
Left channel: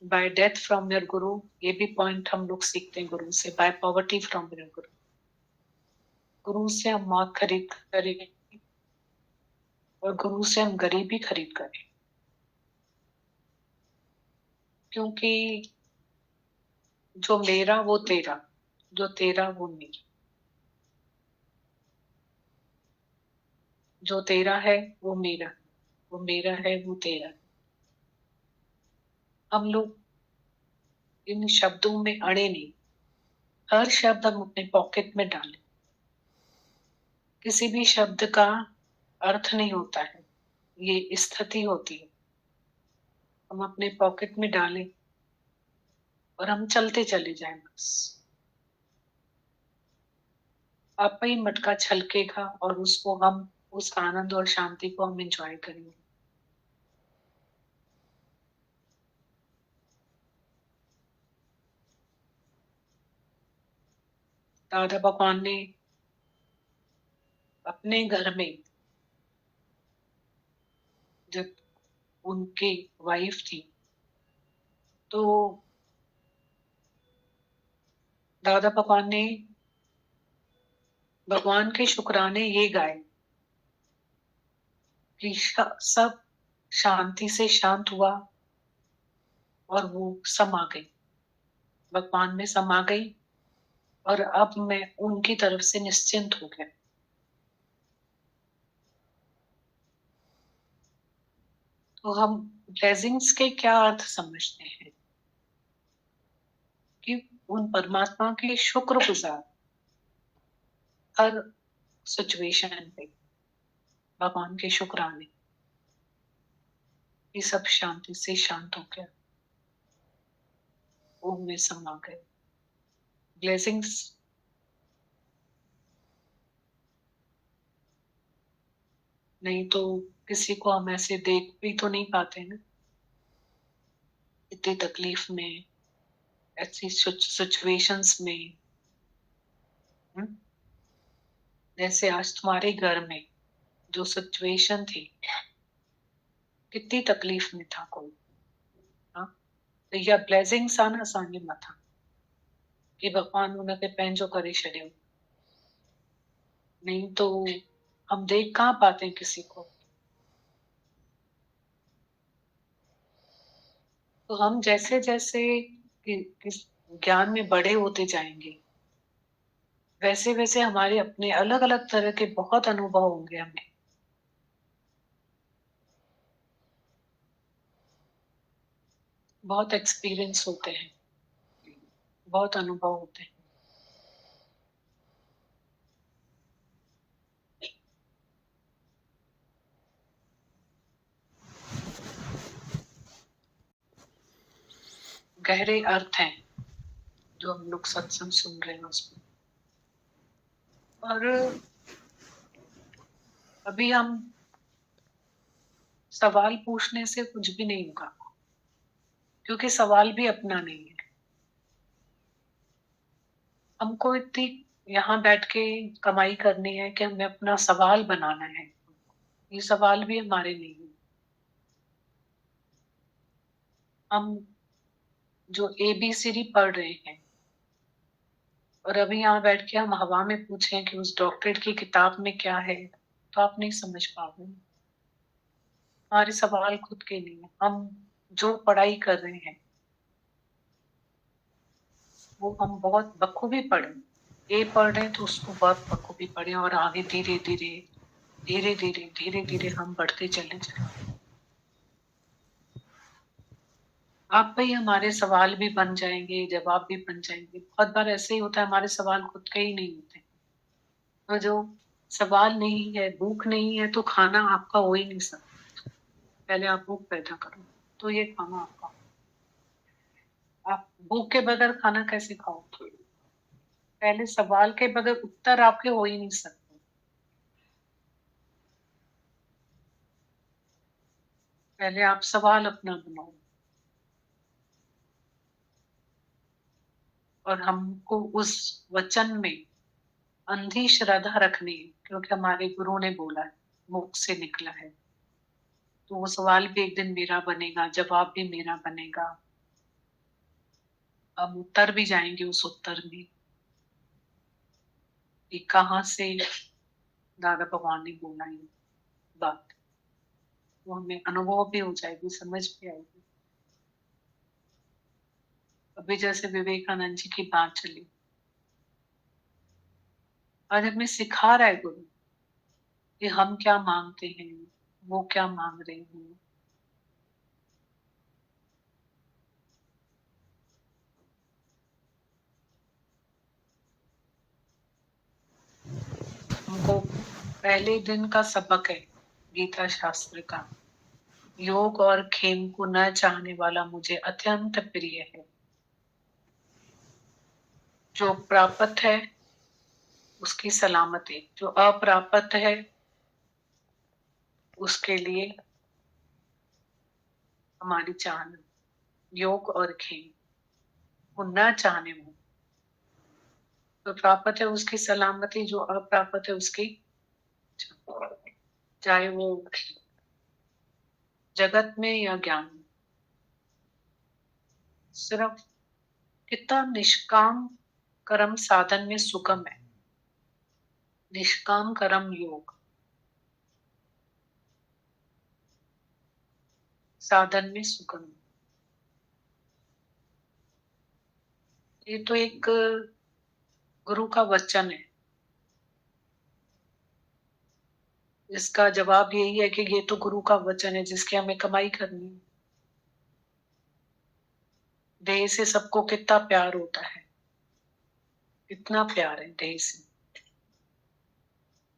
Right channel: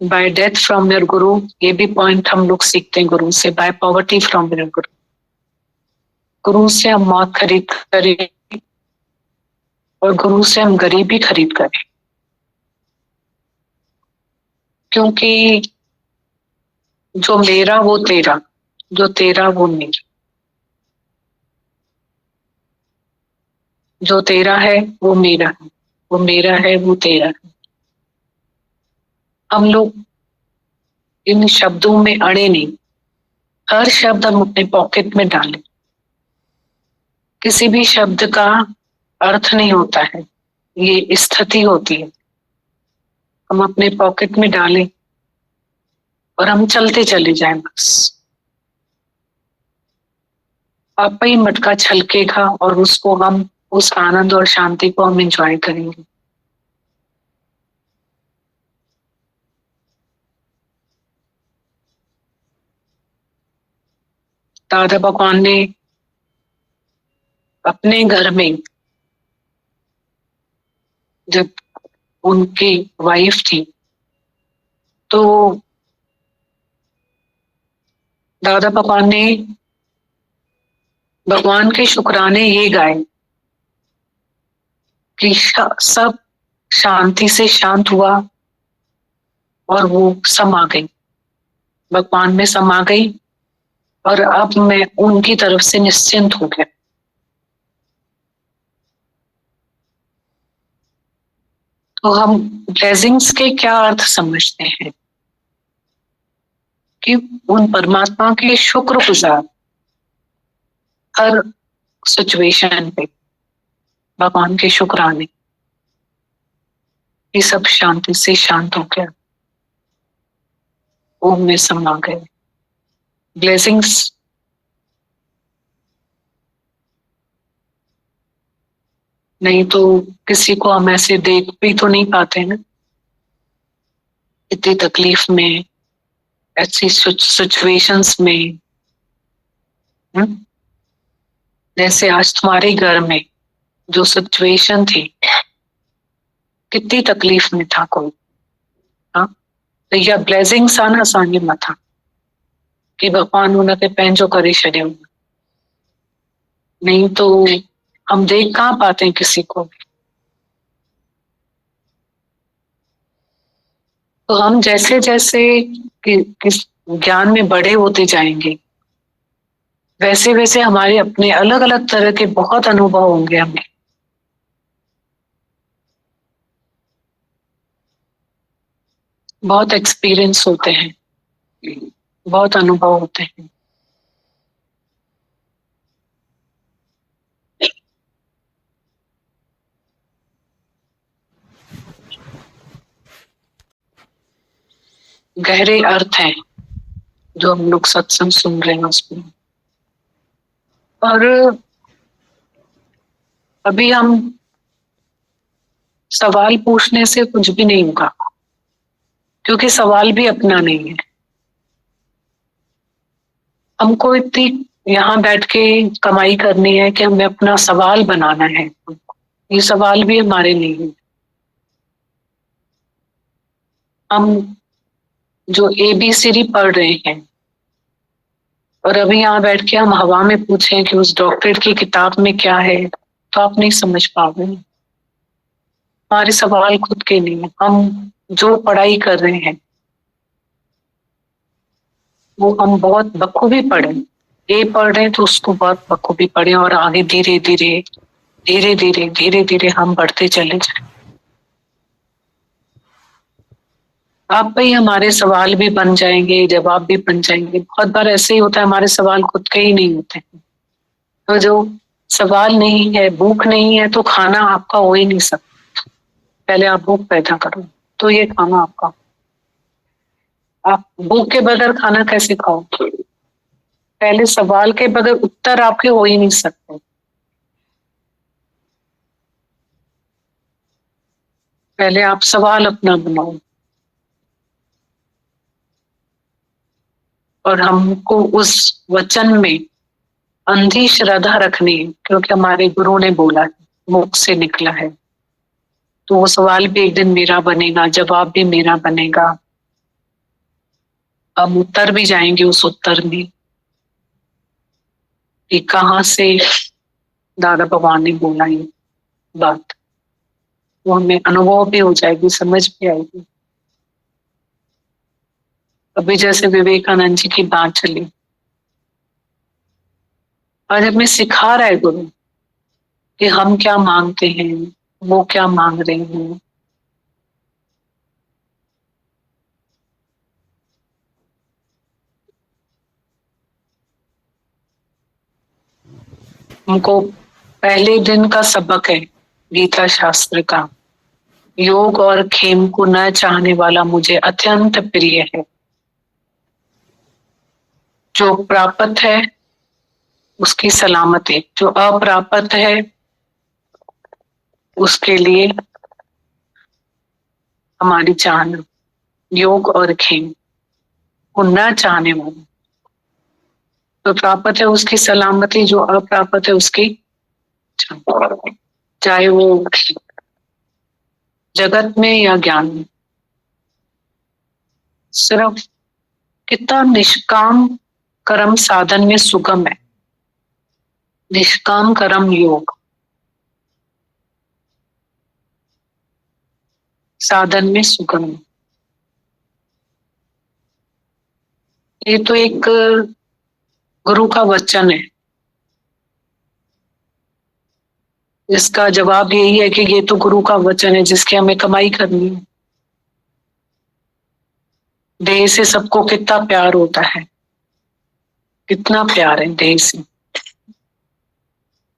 बाय डेथ फ्रॉम योर गुरु, ये भी पॉइंट हम लोग सीखते हैं गुरु से। बाय पॉवर्टी फ्रॉम योर गुरु, गुरु से हम मौत खरीद करें और गुरु से हम गरीबी खरीद करें, क्योंकि जो मेरा वो तेरा, जो तेरा वो मेरा। जो तेरा है वो मेरा है, वो मेरा है वो तेरा है। हम लोग इन शब्दों में अड़े नहीं, हर शब्द हम अपने पॉकेट में डालें। किसी भी शब्द का अर्थ नहीं होता है, ये स्थिति होती है। हम अपने पॉकेट में डालें और हम चलते चले जाएं बस। आप ही मटका छलकेगा और उसको हम, उस आनंद और शांति को हम एंजॉय करेंगे। दादा भगवान ने अपने घर में, जब उनकी वाइफ थी, तो दादा भगवान ने भगवान के शुक्राने ये गाए कि सब शांति से शांत हुआ और वो समा गई, भगवान में समा गई, और अब मैं उनकी तरफ से निश्चिंत हो गया। तो हम ब्लेसिंग्स के क्या अर्थ समझते हैं कि उन परमात्मा के शुक्रगुजार, हर सिचुएशन पे भगवान के शुक्राने, ये सब शांति से शांत हो गया, ओम में समा गए। ब्लेसिंग्स नहीं तो किसी को हम ऐसे देख भी तो नहीं पाते ना, इतनी तकलीफ में, ऐसी सिचुएशंस में। जैसे आज तुम्हारे घर में जो सिचुएशन थी, कितनी तकलीफ में था कोई, हाँ, तो यह ब्लेसिंग्स आना आसानी में था कि भगवान उनके पंहिंजो करे छॾियो। नहीं तो हम देख कहाँ पाते हैं किसी को। तो हम जैसे जैसे किस ज्ञान में बड़े होते जाएंगे, वैसे वैसे हमारे अपने अलग अलग तरह के बहुत अनुभव होंगे। हमें बहुत एक्सपीरियंस होते हैं, बहुत अनुभव होते हैं। गहरे अर्थ हैं जो हम लोग सत्संग सुन रहे हैं उसमें। और अभी हम सवाल पूछने से कुछ भी नहीं होगा, क्योंकि सवाल भी अपना नहीं है। हमको इतनी यहाँ बैठ के कमाई करनी है कि हमें अपना सवाल बनाना है। ये सवाल भी हमारे नहीं है। हम जो ABCD पढ़ रहे हैं और अभी यहाँ बैठ के हम हवा में पूछें कि उस डॉक्टर की किताब में क्या है, तो आप नहीं समझ पाओगे। हमारे सवाल खुद के नहीं है। हम जो पढ़ाई कर रहे हैं वो हम बहुत बखूबी पढ़े। ये पढ़ रहे हैं तो उसको बहुत बखूबी पढ़े, और आगे धीरे धीरे धीरे धीरे धीरे धीरे हम बढ़ते चले जाए। आप ही हमारे सवाल भी बन जाएंगे, जवाब भी बन जाएंगे। बहुत बार ऐसे ही होता है, हमारे सवाल खुद के ही नहीं होते। तो जो सवाल नहीं है, भूख नहीं है, तो खाना आपका हो ही नहीं सकता। पहले आप भूख पैदा करो तो ये खाना आपका। आप भूख के बगैर खाना कैसे खाओ? पहले सवाल के बगैर उत्तर आपके हो ही नहीं सकते। पहले आप सवाल अपना बनाओ। और हमको उस वचन में अंधी श्रद्धा रखनी है, क्योंकि हमारे गुरु ने बोला है, मुख से निकला है। तो वो सवाल भी एक दिन मेरा बनेगा, जवाब भी मेरा बनेगा। हम उत्तर भी जाएंगे उस उत्तर में कि कहाँ से दादा भगवान ने बोला ये बात। वो हमें अनुभव भी हो जाएगी, समझ भी आएगी। अभी जैसे विवेकानंद जी की बात चली, और हमें सिखा रहा है गुरु कि हम क्या मांगते हैं, वो क्या मांग रहे हैं। हमको पहले दिन का सबक है गीता शास्त्र का, योग और खेम को न चाहने वाला मुझे अत्यंत प्रिय है। जो प्राप्त है उसकी सलामती, जो अप्राप्त है उसके लिए हमारी चाहना। योग और खेम को न चाहने वाला, जो प्राप्त है उसकी सलामती, जो अप्राप्त है उसकी चाहना। चाहे वो जगत में या ज्ञान में। सिर्फ कितना निष्काम कर्म साधन में सुगम है, निष्काम कर्म योग साधन में सुगम है। ये तो एक गुरु का वचन है। इसका जवाब यही है कि ये तो गुरु का वचन है जिसकी हमें कमाई करनी है। देह से सबको कितना प्यार होता है, कितना प्यार है देह से,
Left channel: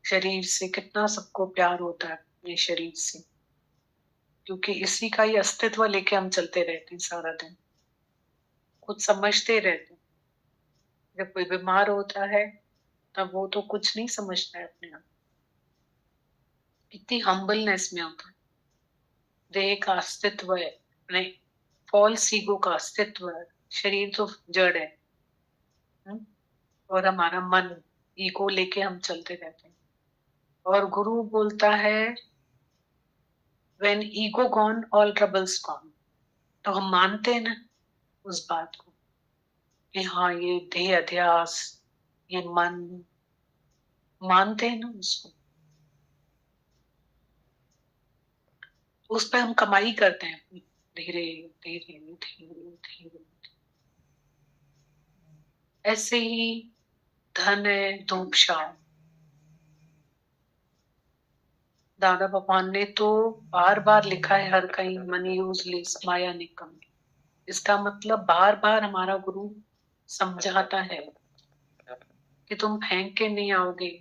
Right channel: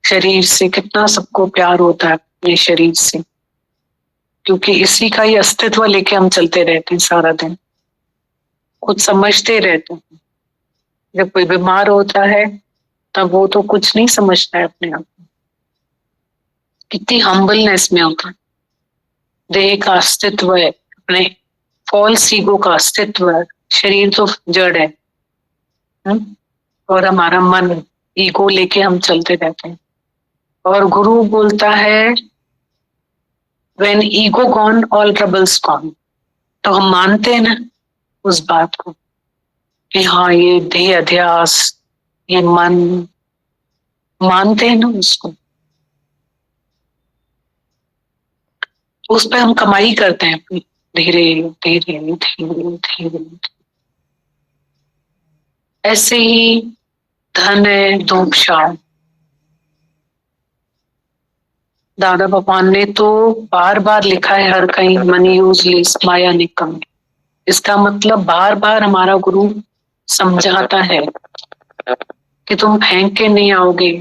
शरीर से कितना सबको प्यार होता है अपने शरीर से, क्योंकि इसी का ही अस्तित्व लेके हम चलते रहते हैं सारा दिन, कुछ समझते रहते हैं। जब कोई बीमार होता है तब वो तो कुछ नहीं समझता है अपने आप, कितनी हम्बलनेस में होता है। देह का अस्तित्व है, अपने फॉल्स ईगो का अस्तित्व है। शरीर तो जड़ है, और हमारा मन ईगो लेके हम चलते रहते हैं। और गुरु बोलता है when ego gone all troubles gone. तो हम मानते हैं ना उस बात को कि हाँ ये देह अध्यास, ये मन, मानते हैं ना उसको। उस पे हम कमाई करते हैं अपनी, धीरे धीरे धीरे धीरे। ऐसे ही धन है धूप छाव। दादा भगवान ने तो बार बार लिखा है हर कहीं, मनी यूजलेस माया निकम। इसका मतलब बार बार हमारा गुरु समझाता है कि तुम फेंक के नहीं आओगे,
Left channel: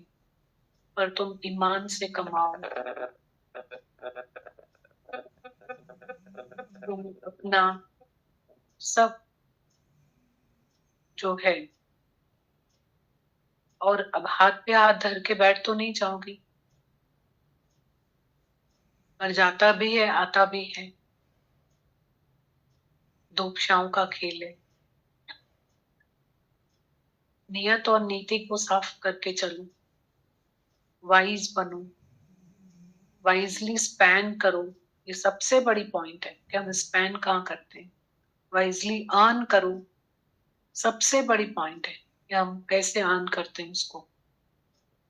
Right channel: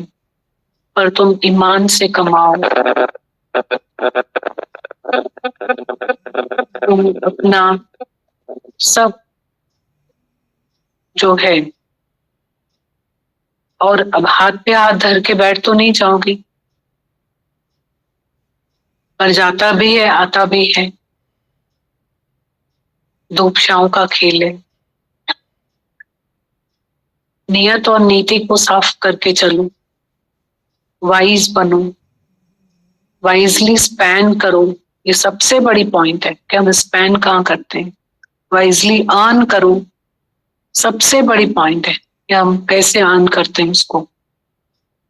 पर तुम ईमान से कमाओ। तुम अपना सब जो है, और अब हाथ पे हाथ धर के बैठ तो नहीं जाओगी, पर जाता भी है आता भी है। धूप छांव का खेल है। नियत और नीति को साफ करके चलो, वाइज बनो, वाइजली स्पैन करो। ये सबसे बड़ी पॉइंट है कि हम स्पैन कहाँ करते हैं। वाइजली अर्न करो, सबसे बड़ी पॉइंट है कि हम कैसे अर्न करते हैं, उसको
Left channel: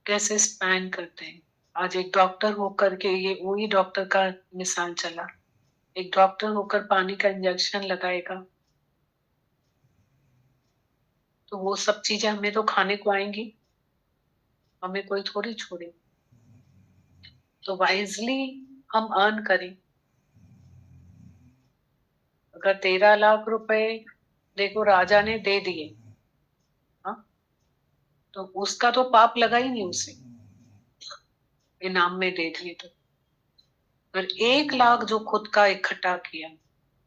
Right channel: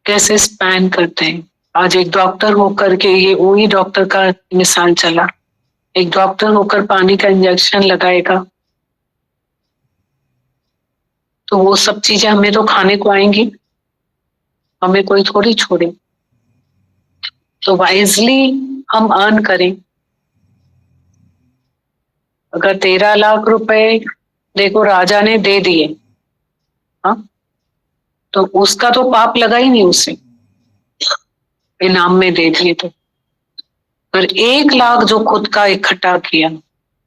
कैसे स्पैन करते हैं। आज एक डॉक्टर होकर के, ये वही डॉक्टर का मिसाल चला, एक डॉक्टर होकर पानी का इंजेक्शन लगाएगा तो वो सब चीजें हमें तो खाने को आएंगी, हमें कोई थोड़ी छोड़े। तो वाइजली हम अर्न करें। अगर 13 लाख रुपए देखो राजा ने दे दिए, हाँ, तो उसका तो पाप लगा ही नहीं, उसे इनाम में दे दिए तो। पर 1 लाख जो खुद का इकट्ठा किया,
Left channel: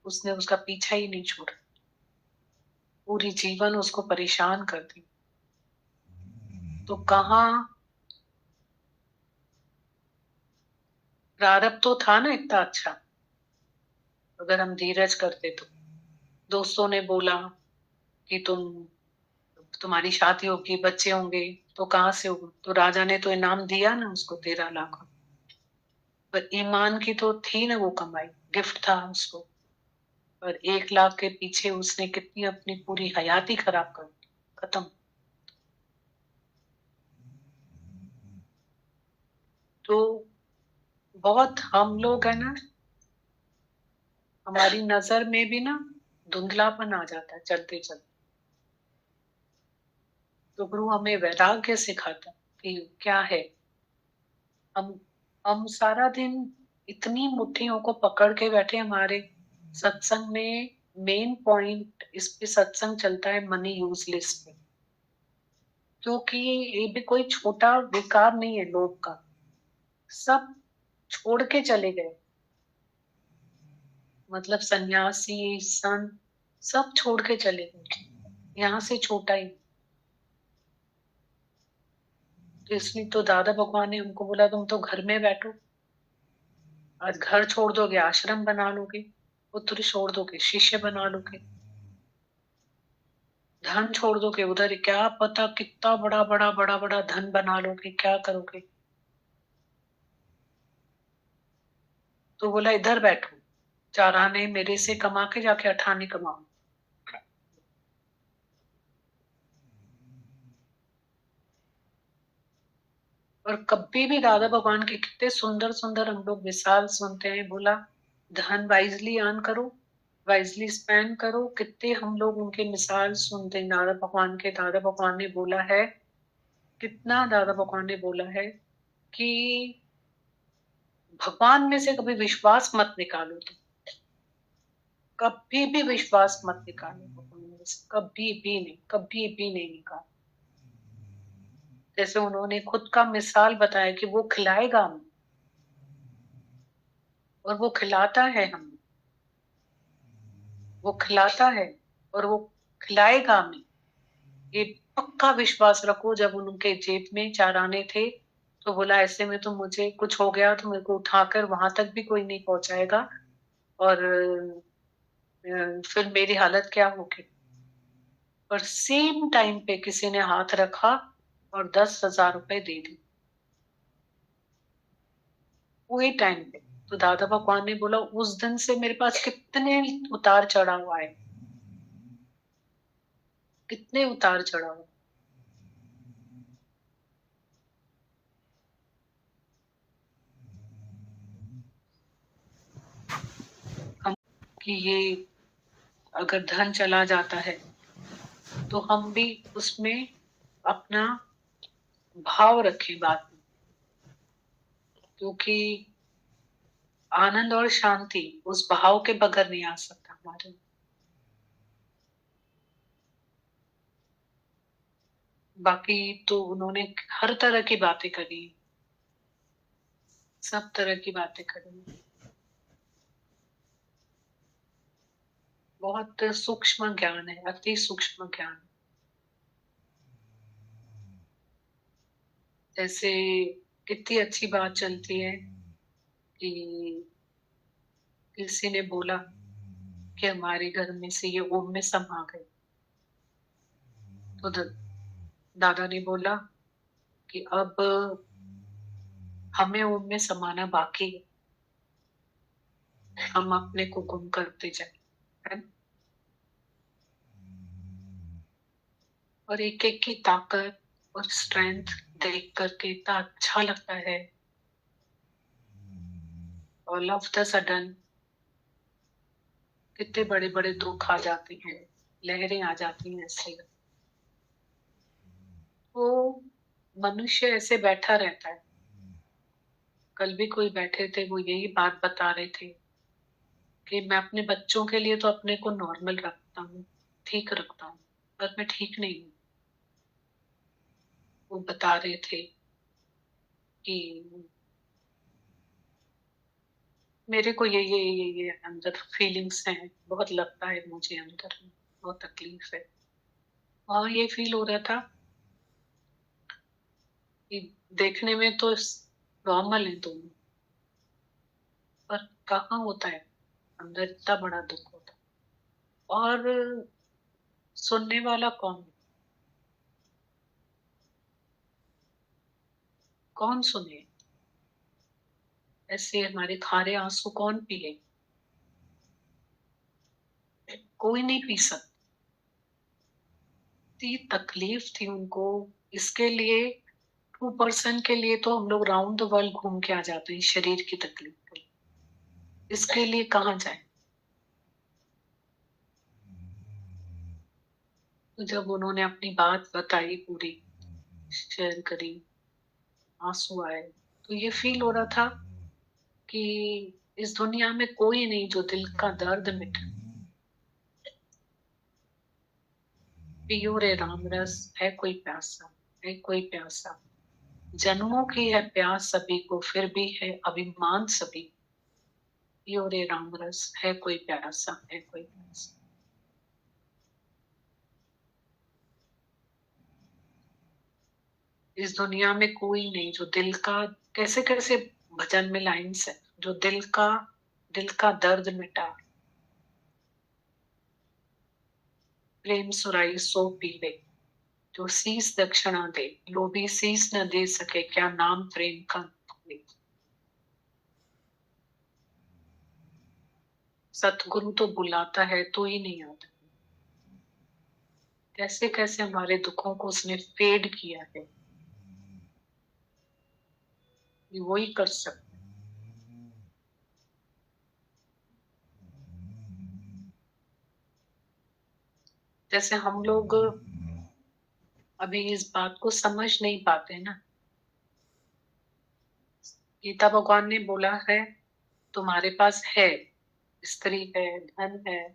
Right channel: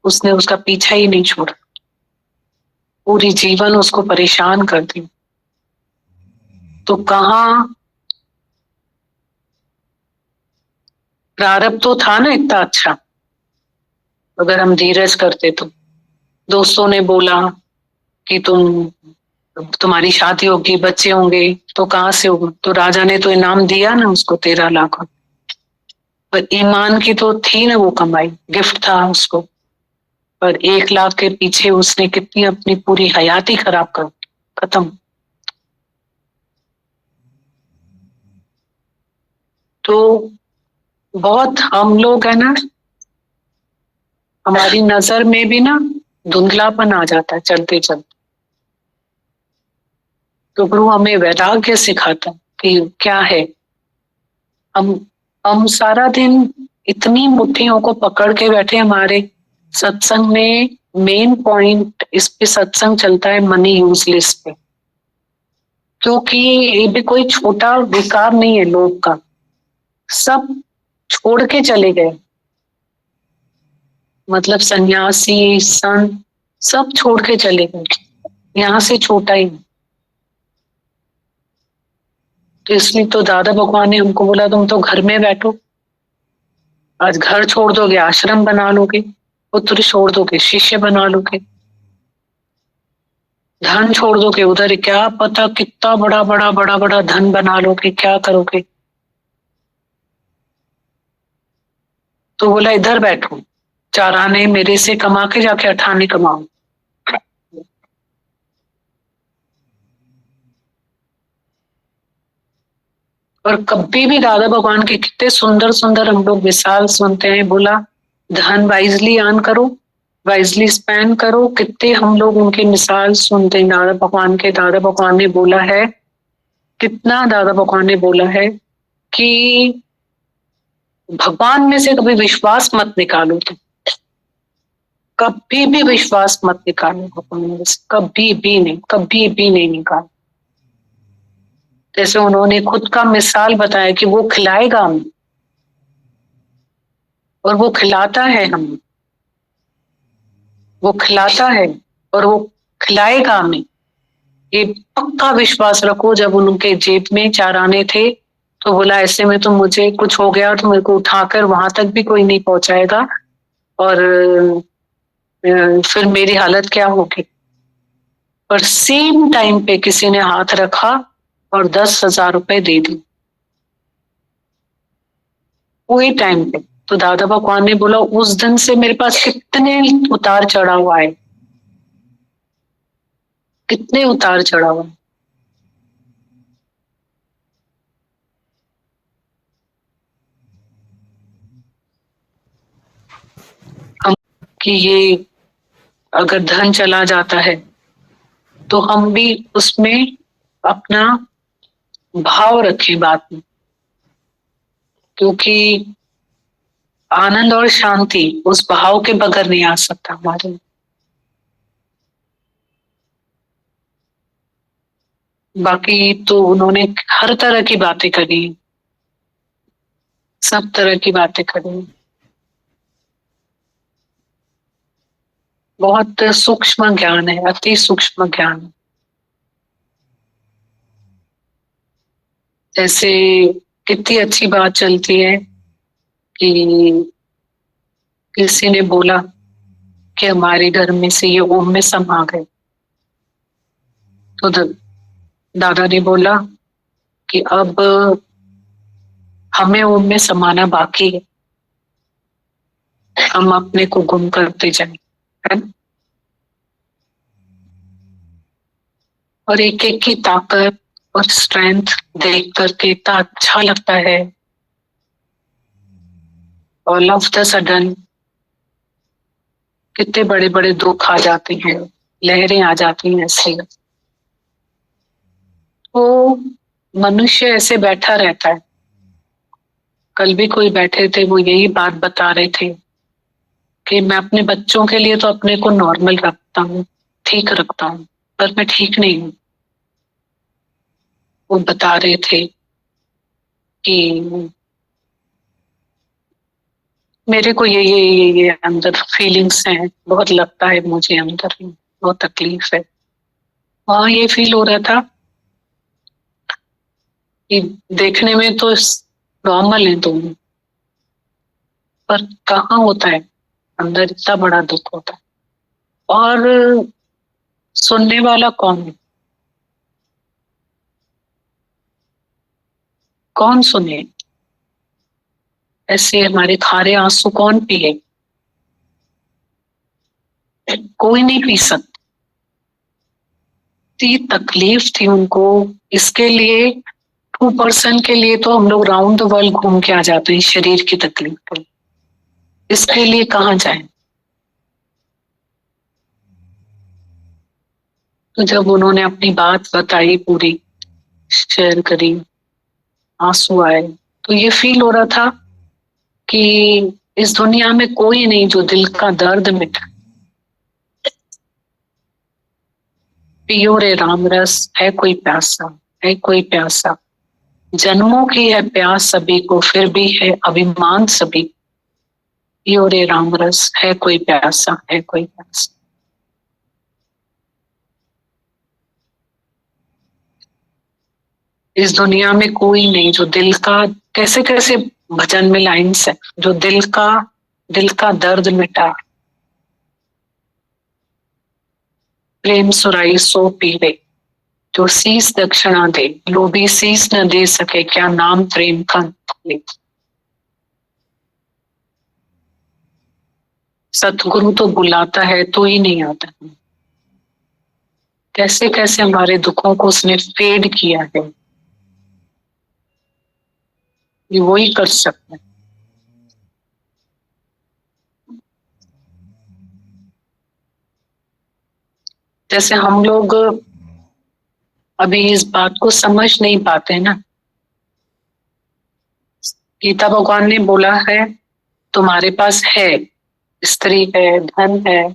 उसने उसका पीछा ही नहीं छोड़ा, पूरी जीवन उसको परेशान कर दी। तो कहाँ प्रारब्ध तो था ना इतना अच्छा, अगर हम धीरज करते तो। दोस्तों ने बोला कि तुम्हारी शादी होगी, बच्चे होंगे, तो कहाँ से होगा? तो राजा ने तो इनाम दिया ना उसको 13 लाख। पर ईमान की तो थी ना वो कमाई, गिफ्ट था उसको। पर 1 लाख के पीछे उसने कितनी अपनी पूरी हयाती खराब कर खत्म। तो बहुत हम लोग है ना, हमारी नजर में भी ना धुंधलापन आ जाता है चलते चलते। तो गुरु हमें वैराग्य सिखाता कि क्या है, हम सारा दिन इतनी मुट्ठियों को पकड़ के बैठे। हमारे सत्संग में मेन पॉइंट इस पे सत्संग चलता है मनी यूजलेस पे, क्योंकि ये भी कोई छोटा विकार नहीं है लोग का, सब छोड़ के चले गए, मतलब सन्यासी संत सब छोड़ के चले गए, यहाँ से छोटा ही। तो इसलिए तो दादा भगवान ने हमको बोला तुम तो घर में बैठो, आज घर छोड़ दोगे आश्रम बना लोगे, पुत्र छोड़ दोगे शिष्य बना लोगे, धन छोड़ दोगे उधर क्या पता कितना बड़ा बड़ा बड़ा बड़ा धन बना लोगे, क्या करोगे। तो बोला इधर बैठो, 4 आने मेरे से कमा के जाके 8 आने कमाओ। और कभी भी दादा भगवान के कितने सुंदर सुंदर हम लोग मिसाल सुनते हैं, बोला धन वाइजली अर्न करो, वाइजली स्पेंड करो, कितने हम लोग उनके मिसाल सुनते हैं दादा भगवान के। दादा भगवान ने बोला है, कितना दादा भगवान ने बोला है कि भगवान में से कभी विश्वास मत निकालो, तुम कभी भी विश्वास मत निकालो भगवान में से, कभी भी नहीं निकालो। जैसे उन्होंने खुद का मिसाल बताया कि वो खिलाएगा हमें और वो खिलाता है हमें, वो खिलाता है और वो खिलाएगा हमें, ये पक्का विश्वास रखो। जब उनके जेब में 4 आने थे तो बोला ऐसे में तो मुझे कुछ हो गया तो मेरे को उठाकर वहां तक भी कोई नहीं पहुंचाएगा और फिर मेरी हालत क्या होगी। पर सेम टाइम पे किसी ने हाथ रखा और 10,000 रुपए दे दी वही टाइम पे। तो दादा भगवान ने बोला उस दिन से मेरे पास कितने उतार चढ़ाव आए, कितने उतार चढ़ाव आए। हम कि ये अगर धन चला जाता है तो हम भी उसमें अपना भाव रखें बात में, क्योंकि आनंद और शांति उस भाव के बगैर नहीं आ सकता हमारे में। बाकी तो उन्होंने हर तरह की बातें करी, सब तरह की बातें करी, बहुत सूक्ष्म ज्ञान है, अति सूक्ष्म ज्ञान है। जैसे कितनी अच्छी बात चलती है कि किसी ने बोला कि हमारे घर में से ये ओम में समा गए, तो दादा ने बोला कि अब हमें ओम में समाना बाकी है, हम अपने को गुम करते जाए, है ना? और एक एक की ताकत और स्ट्रेंथ देख करके इतना अच्छा लगता है। ऑल ऑफ द सडन कितने बड़े बड़े दुख आ जाते हैं, लहरें आ जाती हैं ऐसे। तो मनुष्य ऐसे बैठा रहता है। कल भी कोई बैठे थे, वो यही बात बता रहे थे कि मैं अपने बच्चों के लिए तो अपने को नॉर्मल रखता हूँ, ठीक रखता हूँ, पर मैं ठीक नहीं हूँ। वो बता रहे थे कि मेरे को ये अंदर फीलिंग्स हैं, बहुत लगता है मुझे अंदर, बहुत तकलीफ है। वहां ये फील हो रहा था कि देखने में तो नॉर्मल है दोनों, पर कहाँ होता है अंदर इतना बड़ा दुख होता है। और सुनने वाला कौन है, कौन सुने? ऐसे हमारे खारे आंसू कौन पिए? कोई नहीं पी सकता। तकलीफ थी उनको। इसके लिए 2% के लिए तो हम लोग राउंड द वर्ल्ड घूम के आ जाते हैं शरीर की तकलीफ पर, इसके लिए कहाँ जाए। तो जब उन्होंने अपनी बात बताई, पूरी शेयर करी, आंसू आए, तो ये फील हो रहा था कि इस दुनिया में कोई नहीं जो दिल का दर्द मिटा। पियो रे राम रस, है कोई प्यासा, है कोई प्यासा, जन्मों की है प्यास सभी को, फिर भी है अभिमान सभी, यो रे राम रस, है कोई प्यासा, है कोई प्यासा। इस दुनिया में कोई नहीं जो दिल का, कैसे कैसे भजन में लाइन्स है, जो दिल का दर्द मिटा, प्रेम सुराई सो पीवे, जो शीस दक्षिणा दे, लोभी शीस न दे सके, क्या नाम प्रेम का ले। सतगुरु तो बुलाता है तो ही नहीं आता। कैसे कैसे हमारे दुखों को उसने फेड किया है, ये वो ही कर सकता है। जैसे हम लोग अभी इस बात को समझ नहीं पाते ना। गीता भगवान ने बोला है तुम्हारे पास है, स्त्री है, धन है,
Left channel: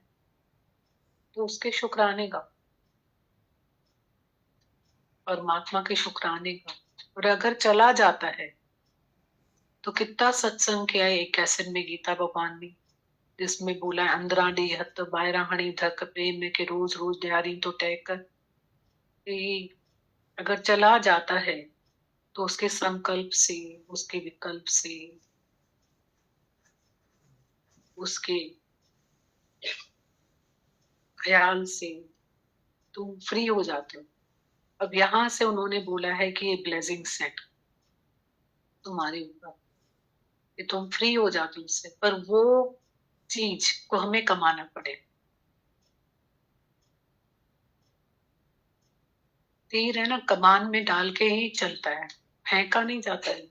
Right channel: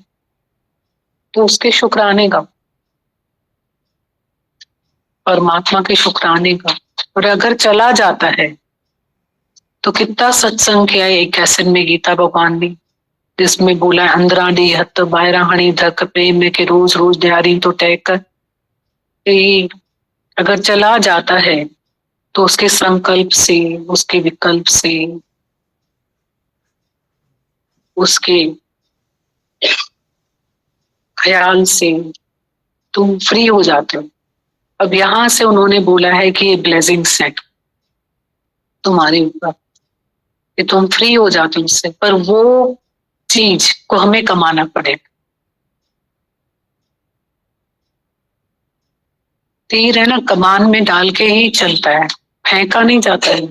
तो उसके शुक्राने गाओ, परमात्मा के शुक्राने गाओ। और अगर चला जाता है तो कितना सत्संग किया है एक कैसेट में गीता भगवान ने, जिसमें बोला है अंदराडी हत बायरा हणी धक प्रेम में के रोज रोज दिहाड़ी तो तय कर। अगर चला जाता है तो उसके संकल्प से, उसके विकल्प से, उसके ख्याल से तुम फ्री हो जाते हो। अब यहां से उन्होंने बोला है कि ये ब्लेसिंग्स है तुम्हारे ऊपर, कि तुम फ्री हो जाते हो उससे, पर वो चीज को हमें कमाना पड़ेगा। तीर है ना, कमान में डाल के ही चलता है, फेंका नहीं जाता है,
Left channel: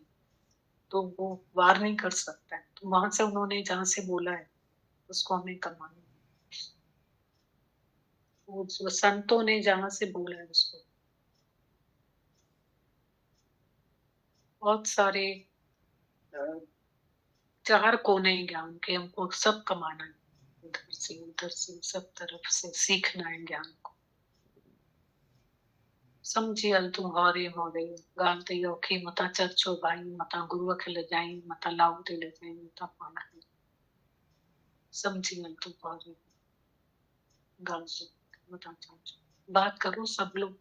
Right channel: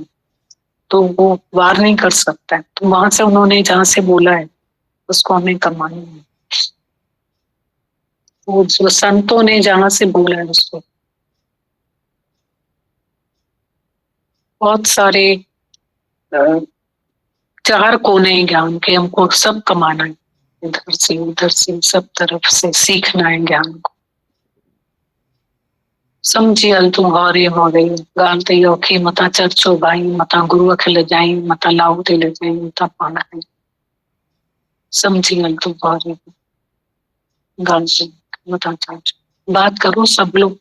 तो वो वार नहीं कर सकता है। तो वहां से उन्होंने जहां से बोला है उसको हमें कमाना है। वो जो संतों ने जहां से बोला है उसको, बहुत सारे चार कोने हैं ज्ञान के, हमको सब कमाना है, इधर से उधर से सब तरफ से सीखना है ज्ञान को। समझी हल तू गौरी हो गई गाल ते औखी, मता चर्चो भाई, मता गुरु खिल जाई, मता लाऊ ते ले जाई, मता पाना है। समझी हल तू गौरी गाल से मता चर्चो। बात करो सब लोग,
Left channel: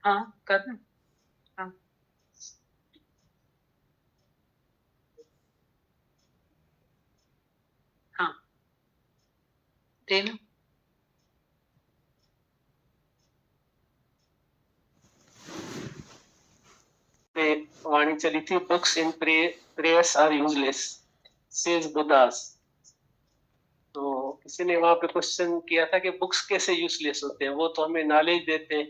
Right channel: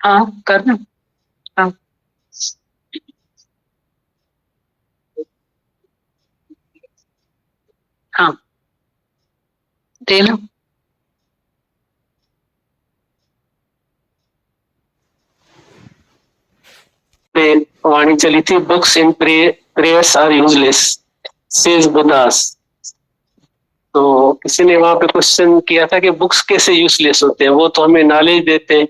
हाँ करना, हाँ हाँ देना। वाणी चली थी, books in prayers are useless says Buddhas. तो किसी ने वहां पे क्वेश्चन किया था कि बुक्स कैसे यूजलेस होते हैं, वो तो हमें नॉलेज देते हैं,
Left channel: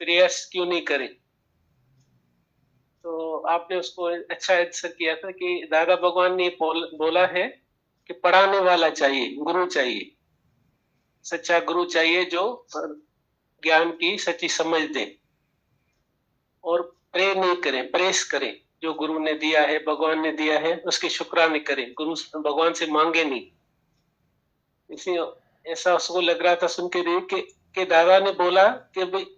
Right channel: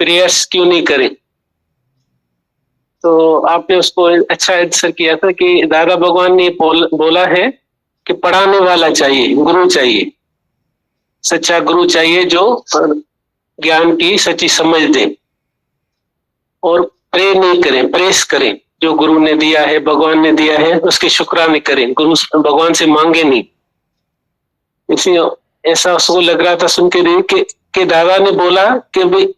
प्रेयर्स क्यों नहीं करें। तो आपने उसको अच्छा आंसर किया था कि दादा भगवान ने बोला है कि पढ़ाने वाला चाहिए, गुरु चाहिए, सच्चा गुरु चाहिए जो ज्ञान की सच्ची समझ दे, और प्रे नहीं करें, प्रेस करें, जो गुरु ने दिया है, भगवान ने दिया है, उसके शुक्राने करें, गुरु भगवान से मांगे नहीं। इसलिए ऐसा उसको लग रहा था सुन के कि दादा ने बोला कि भाई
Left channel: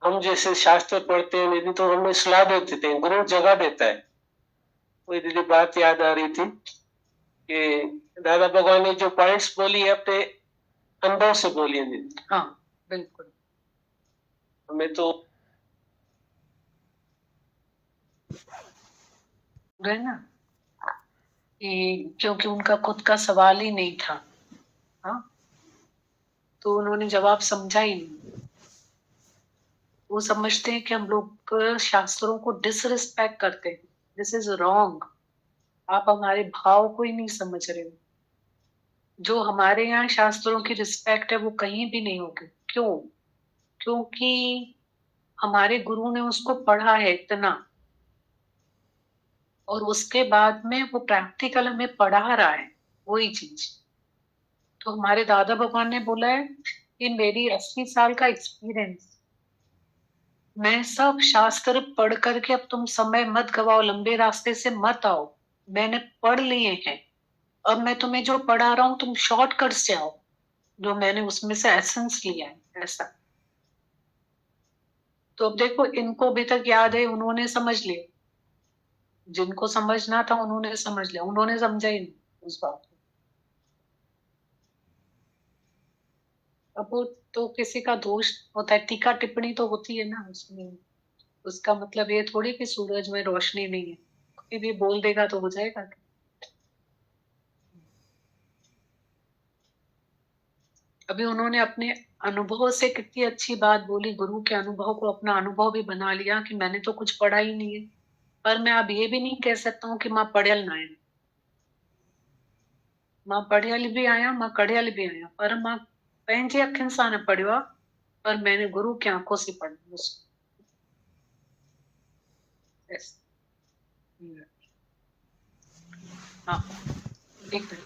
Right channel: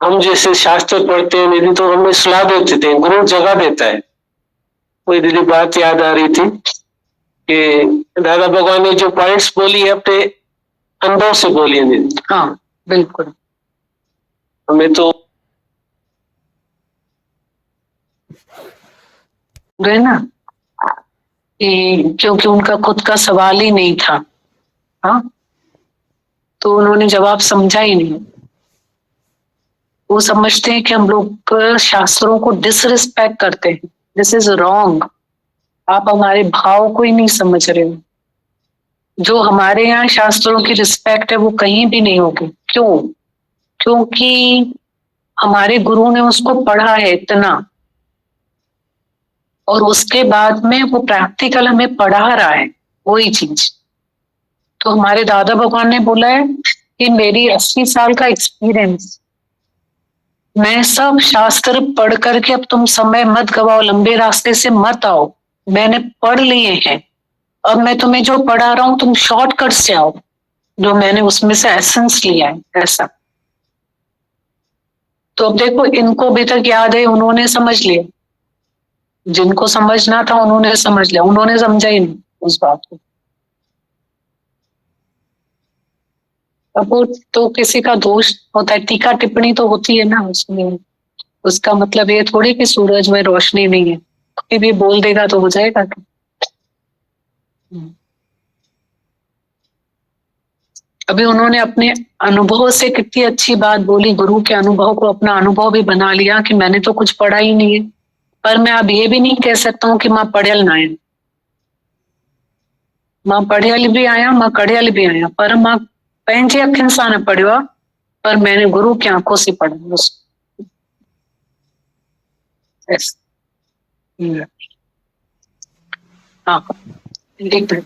हम जैसे शास्त्र पढ़ते हैं दीदी तो हमें सलाह देते थे, गुरु जगह देता है। कोई दीदी बात याद आ रही थी कि दादा भगवान ने जो पॉइंट्स बोली है अपने अंदर से बोली है दीदी। हाँ बिल्कुल, हमें तो है ना, क्योंकि उनका खुद का सवाल ही नहीं था, हाँ, तो उन्होंने जवाब समझा ही नहीं। वो समझते हैं कि हम लोग शास्त्रों को डिसरिस्पेक्ट करते हैं, दिस इज रॉन्ग। आप हमारे भाव को ही नहीं समझ रहे हो। जो हमारे यहाँ शास्त्रों की रिस्पेक्ट है वो कहीं भी नहीं होगी। क्यों? क्योंकि हमारे गुरु ने उसको पढ़ा है इतना, और उसके बाद में वो प्रैक्टिकल हमें पढ़ा रहा है वही चीज। तो हमारे दादा भगवान ने बोला है कि मेरी 80 साल का एक्सपीरियंस, मैं सब शास्त्र पढ़ करके, अब तुम समय मत गवाओ, लंबे रास्ते से मत आओ, मैंने पढ़ लिए हैं, अब मैं तुम्हें जो पढ़ा रहा हूं तुम शॉर्टकट से आओ, जो मैंने उसमें से एसेंस लिया है। ऐसा तो अब देखो, इनको अभी तक याद है, उन्होंने समझ लिया, जिनको समझना था उन्होंने समझ लिया, उन्होंने समझा ही नहीं उस बात को। अब वो तो किसी का दोष होता है, टीका टिप्पणी तो होती है ना उसमें, उसका मतलब ये थोड़ी कि सूरज में रोशनी नहीं है, कोई भी बोल देगा तो हो जाएगा क्या? अभी उन्होंने अपने अनुभव से कितनी अच्छी बात बोली, गुरु के अनुभव को अपना अनुभव भी बना लिया कि मैंने तो कुछ पढ़ा ही नहीं है, पर मैं अब ये भी नहीं कह सकता हूँ कि मां पढ़ियल ना आया, मां पढ़ियल भी आया, मां कढ़ियल भी आया, पर मां पंहिंजे अखियुनि सां न पढ़ियो आहे, पर मैंने गुरु की आंखों से पढ़ा बस। हाँ, एक मिनट।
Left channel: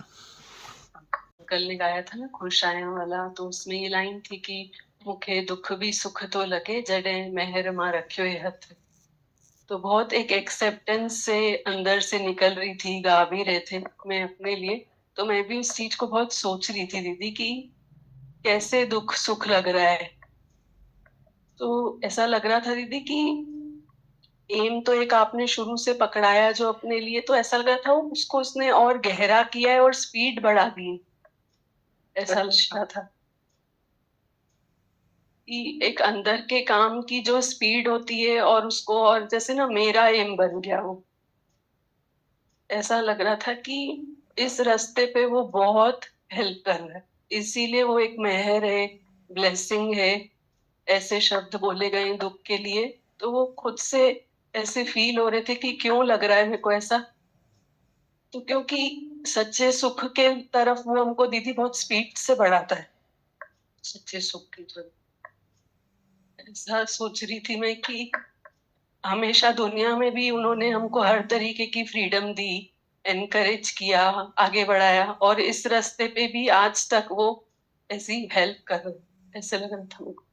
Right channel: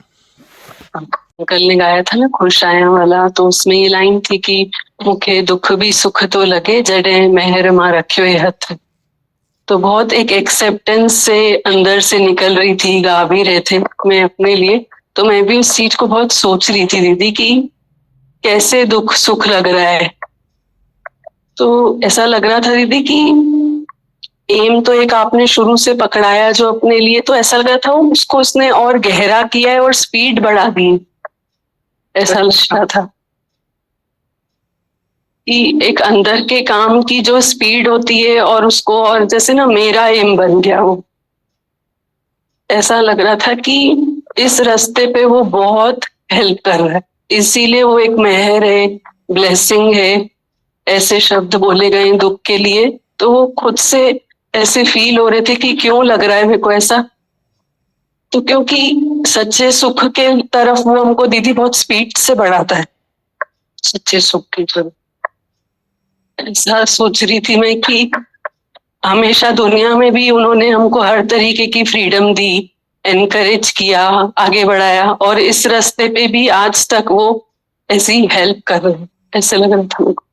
कल ने गाया था ना खुश आया वाला, तो उसमें ये लाइन थी कि मुखे दुख भी सुख तो लगे जड़े मेहर मां रखियो ये हथ। तो बहुत एक एक्सेप्टेंस से अंदर से निकल रही थी, गा भी रहे थे मैं अपने लिए, तो मैं भी उस चीज को बहुत सोच रही थी दीदी कि कैसे दुख सुख लग रहा है। तो ऐसा लग रहा था दीदी कि एम तो एक आपने शुरू से पकड़ाया जो अपने लिए, तो ऐसा लग रहा था उसको उसने और गहरा किया है और स्पीड बढ़ा दी, ऐसा लग रहा था कि एक अंदर के काम की जो स्पीड होती है और उसको, और जैसे ना मेरा एम बन गया वो, ऐसा लग रहा था कि इस रास्ते पे वो बहुत हेल्प कर रहा है, इसीलिए वो एक मेहर है, ब्लेसिंग है, ऐसे शब्द बोले गए दुख के लिए। तो वो खुद से ऐसे फील हो रहे थे कि क्यों लग रहा है मेरे को ऐसा, तो क्योंकि सच्चे सुख के तरफ वो हमको दीदी बहुत स्पीड से बढ़ाता है, सच्चे सुख की तरफ। ऐसा सोच रही थी मैं कि हमेशा दुनिया में भी उन्होंने हमको हर तरीके की फ्रीडम दी, एनकरेज किया, आगे बढ़ाया, और इस रास्ते पे भी आज तक वो ऐसी हेल्प कर रहे हैं, ऐसे लग रहा था मुझको।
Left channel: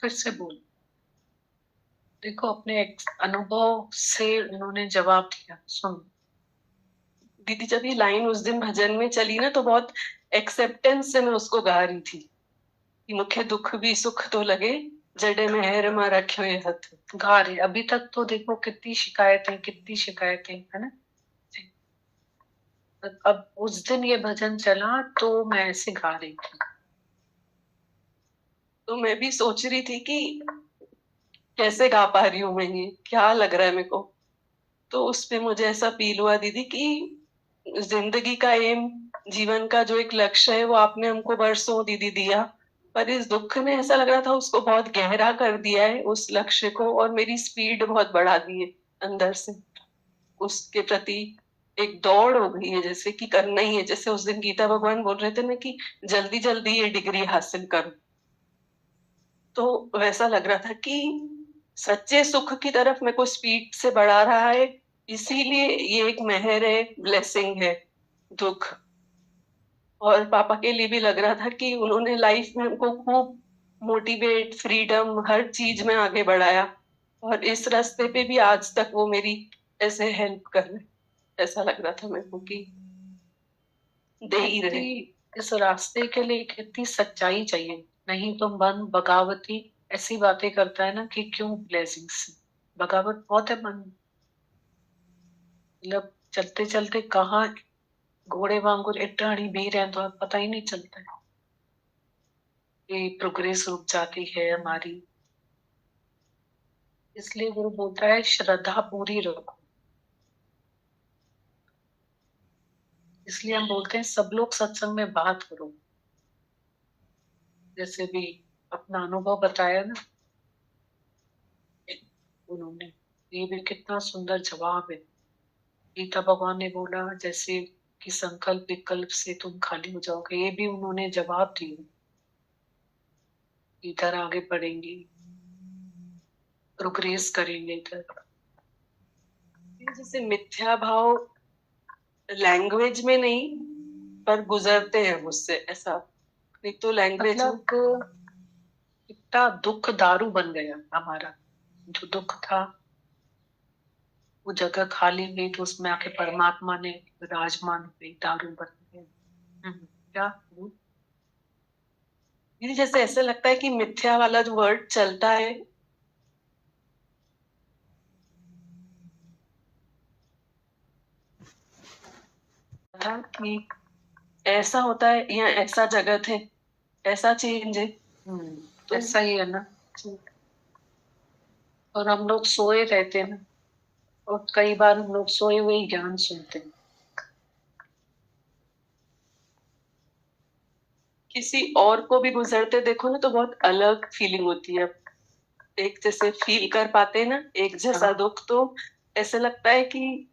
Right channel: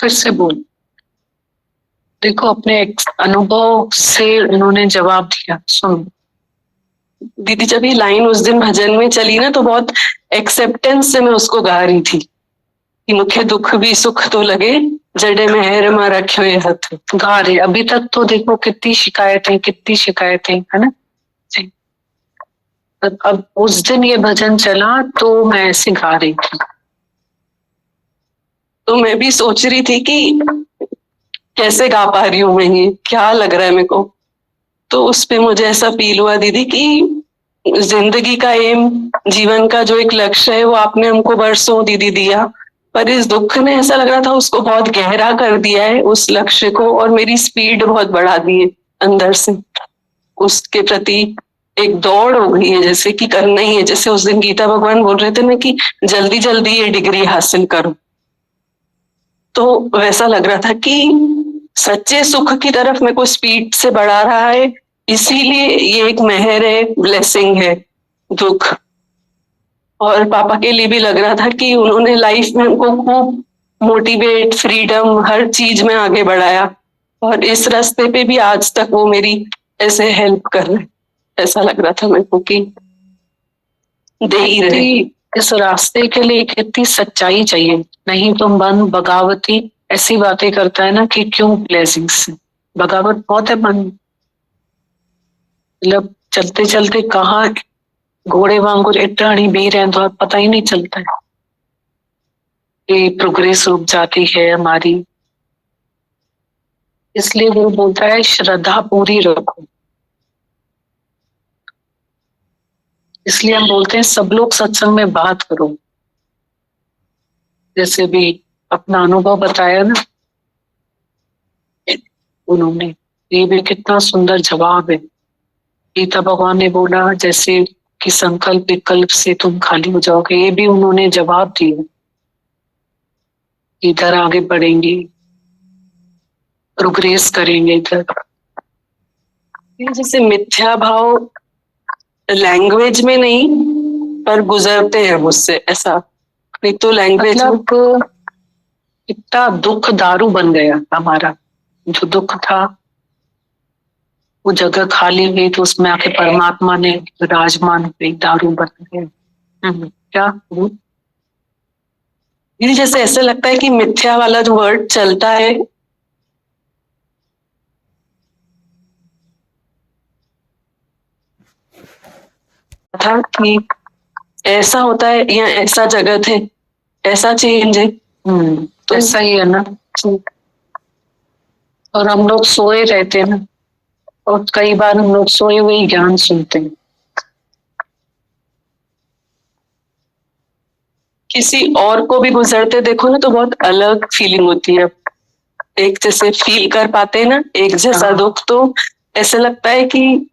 फिर से बोल, देखो अपने अनुभव से उन्होंने जवाब दिया। सुन दीदी, जब ये लाइन उस दिन भजन में चली ना, तो बहुत एक्सेप्टेंस से मैं उसको गा रही थी कि मुखे दुख भी सुख तो लगे जड़े मेहर मां रखियो ये हथ। गा रहे अभी तक तो देखो कितनी शिकायतें है ना। अब उस दिन ये भजन चला तो मैं ऐसे गा रही थी, तो मैं भी सोच रही थी कि कैसे गा पा रही हूँ मैं, ये क्या लग रहा है मेरे को। तो उस पे मुझे ऐसा फील हुआ दीदी कि जिंदगी का एम, जीवन का जो एक लक्ष्य है, वो आपने हमको बरसों दीदी दिया, पर इस दुख ने ऐसा लग रहा था उसको बहुत गहरा कर दिया है उस लक्ष्य को, और मेरी स्पीड बहुत बढ़ा दी है अंदर से, उसके प्रति एक दौड़ हो गई है, जैसे कि करना ही है। जैसे उस दिन गीता भगवान बोल रहे थे ना कि जल्दी जल्दी ये डिग्री हासिल करो, तो वैसा लग रहा था कि सच्चे सुख की तरफ मेरे को स्पीड से बढ़ा रहा है, इसीलिए ये एक मेहर है, ब्लेसिंग है दुख। और पापा के लिए भी लग रहा था कि उन्होंने लाइफ में हमको खूब मोटिवेट, फ्रीडम, हर चीज में आगे बढ़ाया, और इस रास्ते पे भी आज तक वो मेरी ऐसे हेल्प कर रहे। ऐसा लग रहा था मेरे को कि दे ही रहे। इस रास्ते के लिए कितनी सच्चाई चाहिए, नहीं तो मन बगावती ऐसी बातें करता है ना कि क्यों ब्लेसिंग्स, बगावत बहुत है मन, मतलब चलते चलते कहाँ घोड़े वांगुर इटाणी भी रहे तो पता ही नहीं चलता है कि प्रोग्रेस रुक जाती है हमारी। इसलिए वो बोलता है श्रद्धा पूरी रखो। इसलिए हम बोलते हैं सब लोग सत्संग में बात करो, जैसे भी अपना अनुभव बताया ना उन्होंने, ये भी कितना सुंदर जवाब है। गीता भगवान ने बोला जैसे कि संकल्प विकल्प से तुम खाली हो जाओगे, ये भी उन्होंने जवाब दिया, इधर आगे बढ़ेंगे, प्रोग्रेस करेंगे इधर। जैसे मिथ्या भाव लैंग्वेज में नहीं, पर गुजरते हैं मुझसे, ऐसा नहीं तो लैंग्वेज मतलब इतना दुख दारू बन गया हमारा, जो दुख था वो जगह खाली हुई तो उसमें आके परमात्मा ने विराजमान हुए, दारू बन गया। क्या ये जैसे ऐसे लगता है कि मिथ्या वाला जो वर्ड चलता है था कि ऐसा होता है या ऐसा जगत है, ऐसा चेंज है। तो ऐसा ही है ना। और हम लोग सोए रहते हैं ना, और कई बार हम लोग सोए हुए ही ज्ञान सुनते हैं। किसी और को भी गुजरते देखो ना तो बहुत अलग फीलिंग होती है। एक जैसे फील कर पाते हैं ना एक जैसा हाँ। दुख, तो ऐसा लगता है कि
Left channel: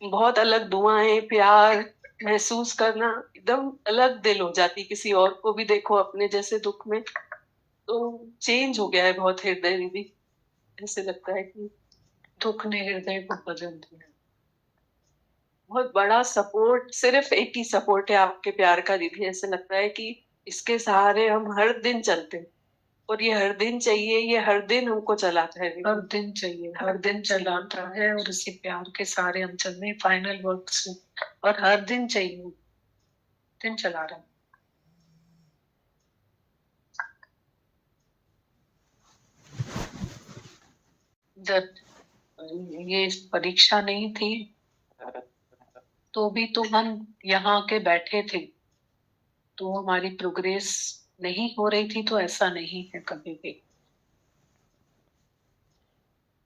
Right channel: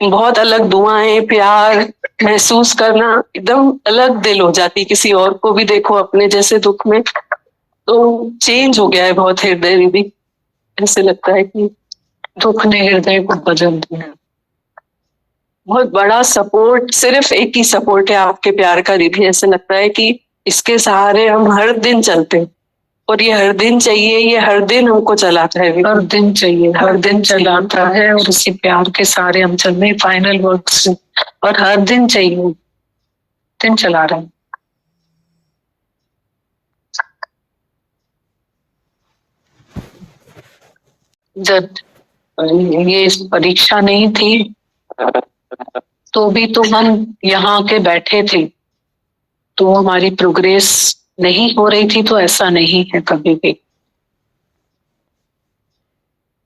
बहुत अलग दुआएं प्यार महसूस करना, एकदम अलग दिल हो जाती। किसी और को भी देखो अपने जैसे दुख में, तो चेंज हो गया है बहुत हृदय भी। ऐसे लगता है कि दुख ने हृदय को बदल दिया। बहुत बड़ा सपोर्ट, सिर्फ एक ही सपोर्ट है आपके प्यार का दीदी। ऐसे लगता है कि इसके सहारे हम हर दिन चलते हैं, और ये हर दिन चाहिए, ये हर दिन हमको चलाता है। हर दिन चाहिए, हर दिन चलाता है, और इसी प्यार के सारे हम चल रहे फाइनल वर्क से, और हर दिन चाहिए, दिन चला रहे हैं। जब ये परीक्षा नहीं थी तो भी तो हम यहाँ के बैठे थे, तो हमारी प्रोग्रेस नहीं हो रही थी, तो ऐसा नहीं है कभी भी।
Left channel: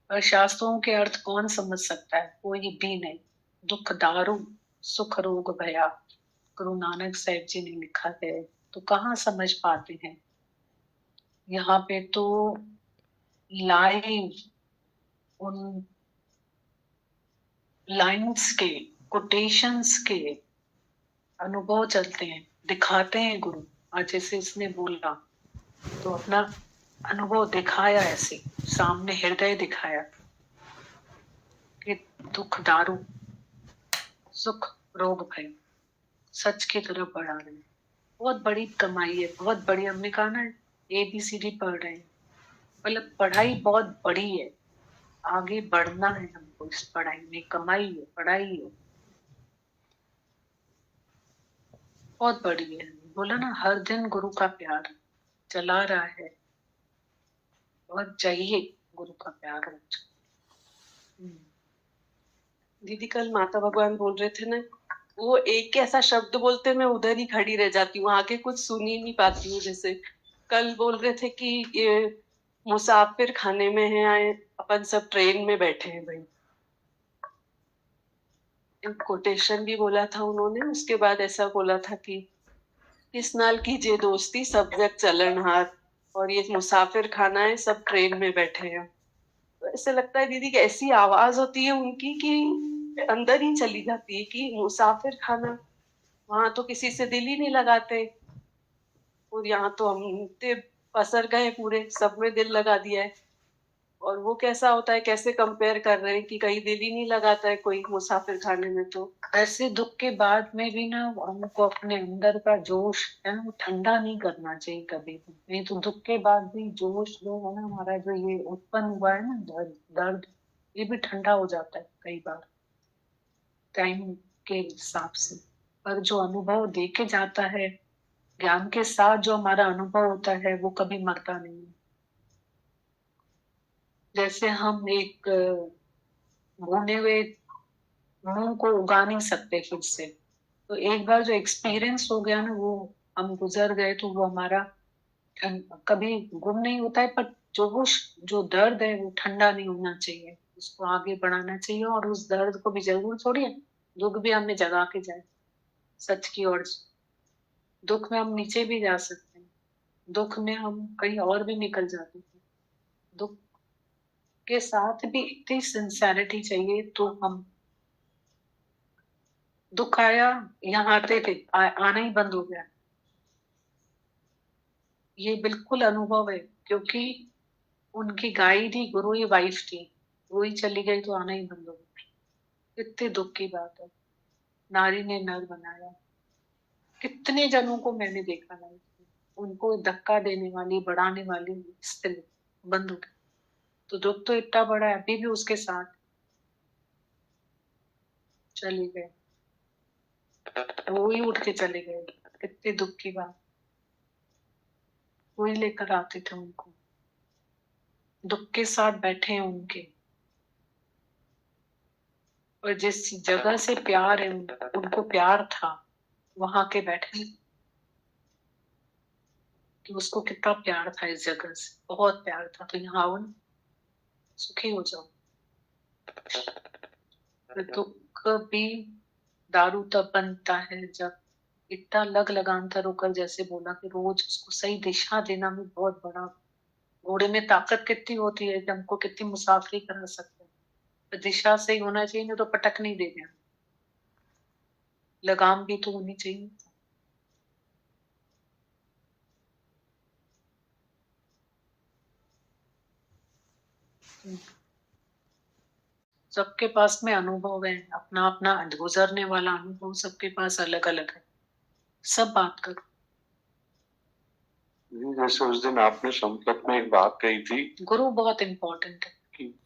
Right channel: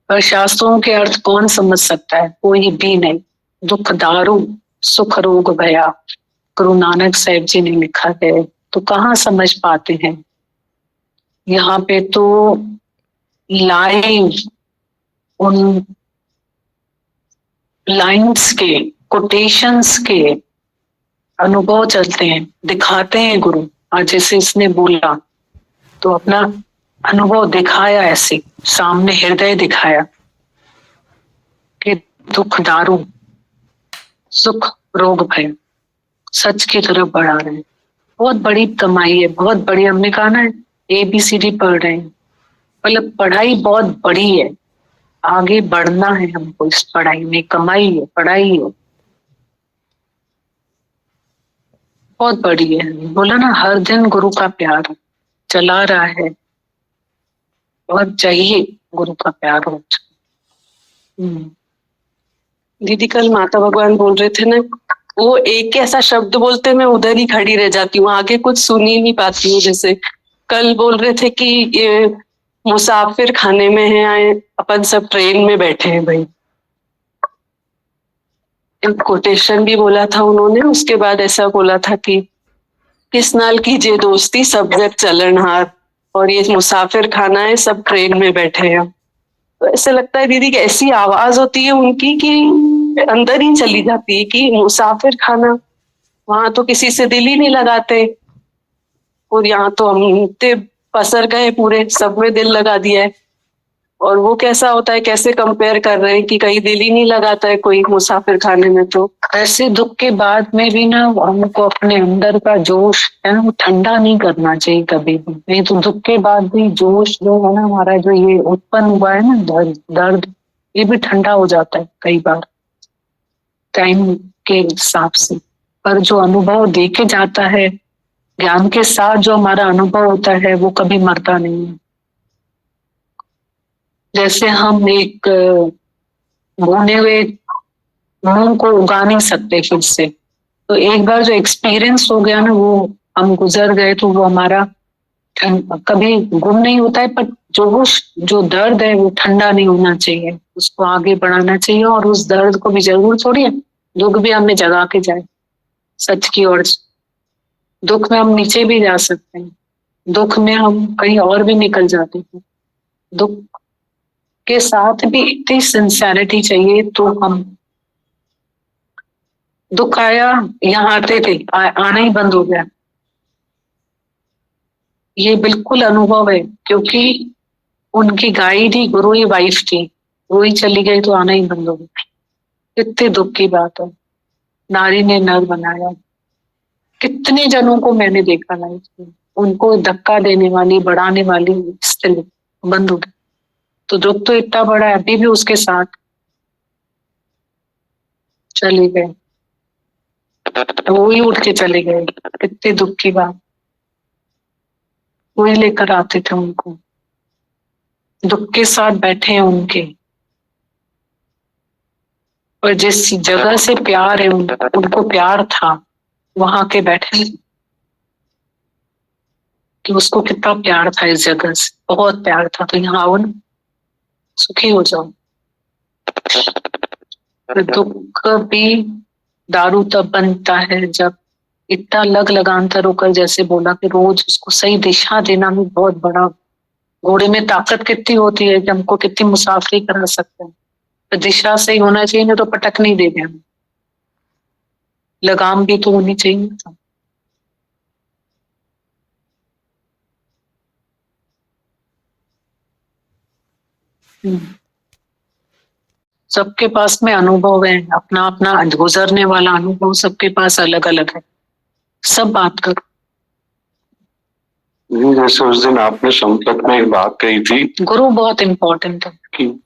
पर शास्त्रों के अर्थ कौन समझ सकता है? कोई भी नहीं। दुख दारू सुख रोग भया, गुरु नानक साहिब जी ने लिखा है, तो कहाँ समझ पाते हैं। यहाँ पे तो लाइव उन लाइंस के, कोटेशंस के अनुभव चलते हैं, दिखाते हैं गुरु। आज जैसे इसने बोला तो अपना अनुभव दिखाया, ऐसे सामने हृदय दिखाया कि दुख दारू सुख रोग भय, सच की तरफ बढ़ा रहे हैं। बहुत बड़ी कमाई है, बहुत बड़ी। हमने कहा ना ABCD पढ़ रहे हैं, मतलब पढ़ाई बहुत बड़ी है। आगे बढ़ना है हमको इस पढ़ाई में, कमाई है, पढ़ाई है बहुत बड़ी है। बोला ना हर दिन गुरु का प्यार चला रहा है, और चाहिए गुरु का प्यार हो। दीदी कल माता भगवान बोल रहे थे ना, वो एक ऐसा शब्द बोलते मैं उधर ही खड़ी रह जाती हूँ, आगे कुछ सुन ही नहीं पाती हूँ। जैसे कल बोल रहे थे कि ये मुसाफिर खाने में है, आए अपन सब ट्रेन में बैठे हैं भाई। एक कोटेशन भी बोला था उन्होंने, उसके बाद ऐसा बोला था कि किस नाल कीजिए दोस्ती सब जग चलन हार, और ये मुसाफिर खाना है सब ट्रेन में बैठे हैं। तो ऐसे लगता है दीदी कि ऐसी आवाज होती है उनकी कि अंदर ही चली जाती है कि मुसाफिर खाना, वहां तो किसी से दिल ही नहीं लगाते, और यहाँ तो हम इतने पसर गए पूरे, सब में दिल लगा दिया है। और वो कैसा होता है, कैसे कंपेयर कर रहे हैं कि कहीं दिल ही नहीं लगाता है कोई मुसाफिर खाने में। तो ऐसे दुख के बाद में भी ना हमको अपने अंदर का जोश है ना, वो ठंडा नहीं करना चाहिए कभी भी। नहीं तो दुख के बाद भी जोश जो है ना हमारा, जो ये उत्पन्न हुआ है ना दर्द, ये भी ठंडा हो जाता है कई बार टाइम के हिसाब से। पर जो अनुभव देके जाता है ज्ञान के साथ, जो हमारा अनुभव होता है वो कभी मरता नहीं है। जैसे हम एक भुने हुए मूंग को उगा नहीं सकते फिर से, तो एक बार जो एक्सपीरियंस हो गया ना, वो हम गुजर गए, तो वो हमारा कभी गुम नहीं होता है। पर जो दर्द है वो ठंडा नहीं होना चाहिए, उसको आगे बढ़ाना चाहिए। और उस दर्द को भी जरूर छोड़िए, दुख भी हमें जगा के जाए सच की ओर। दुख में हम नीचे भी जा सकते हैं, दुख में हम कहीं और भी निकल जाते हैं। दुख के साथ भी इतनी सिंसियरिटी चाहिए, तो हम दुख आया यहाँ आते थे, आना ही बंद हो गया। ये बिल्कुल अनुभव है, क्योंकि उनकी गाइड ही गुरु ही वाइफ थी, वो ही चली गई तो आना ही बंद हो गया। कितने दुख की बात है। नारी ने नर बनाया, कितने जनों को मैंने देखा लाइफ में, उनको धक्का देने वाली बढ़ाने वाली स्त्री बंद हो गई। तो दुख तो इतना बड़ा है, अभी भी उसके साथ चले गए, वो ही उठ के चले गए। कितने दुख की बात। वही लेकर आते थे उनको, दुख के साथ बैठे हैं उनके। और जिस जगह से प्यार है उनको प्यार था, वहां के बैठे कि उसको कितना प्यार था इस जगह से, बहुत प्यार था, तो यहाँ आओ ना, सुखी हो जाओ। दुख भी दारू तब बनता है जब इतना लगातार होकर, जैसे बोला कि रोज उसको सही दिशा देना भी बहुत बड़ा। घोड़े में ताकत कितनी होती है कि हमको कितनी मुसाफरी करा सकते हैं, तो दिशा सही होना चाहिए, नहीं तो पटक नहीं देंगे हम। लगाम भी तो होनी चाहिए। सबके पास में अनुभव है, अपना अपना गुजरने वाला अनुभव सबके पास अलग अलग है। सब बात करो। जैसे उस दिन आपने संपत में एक बात कही थी, गुरु बहुत इम्पोर्टेंट है कि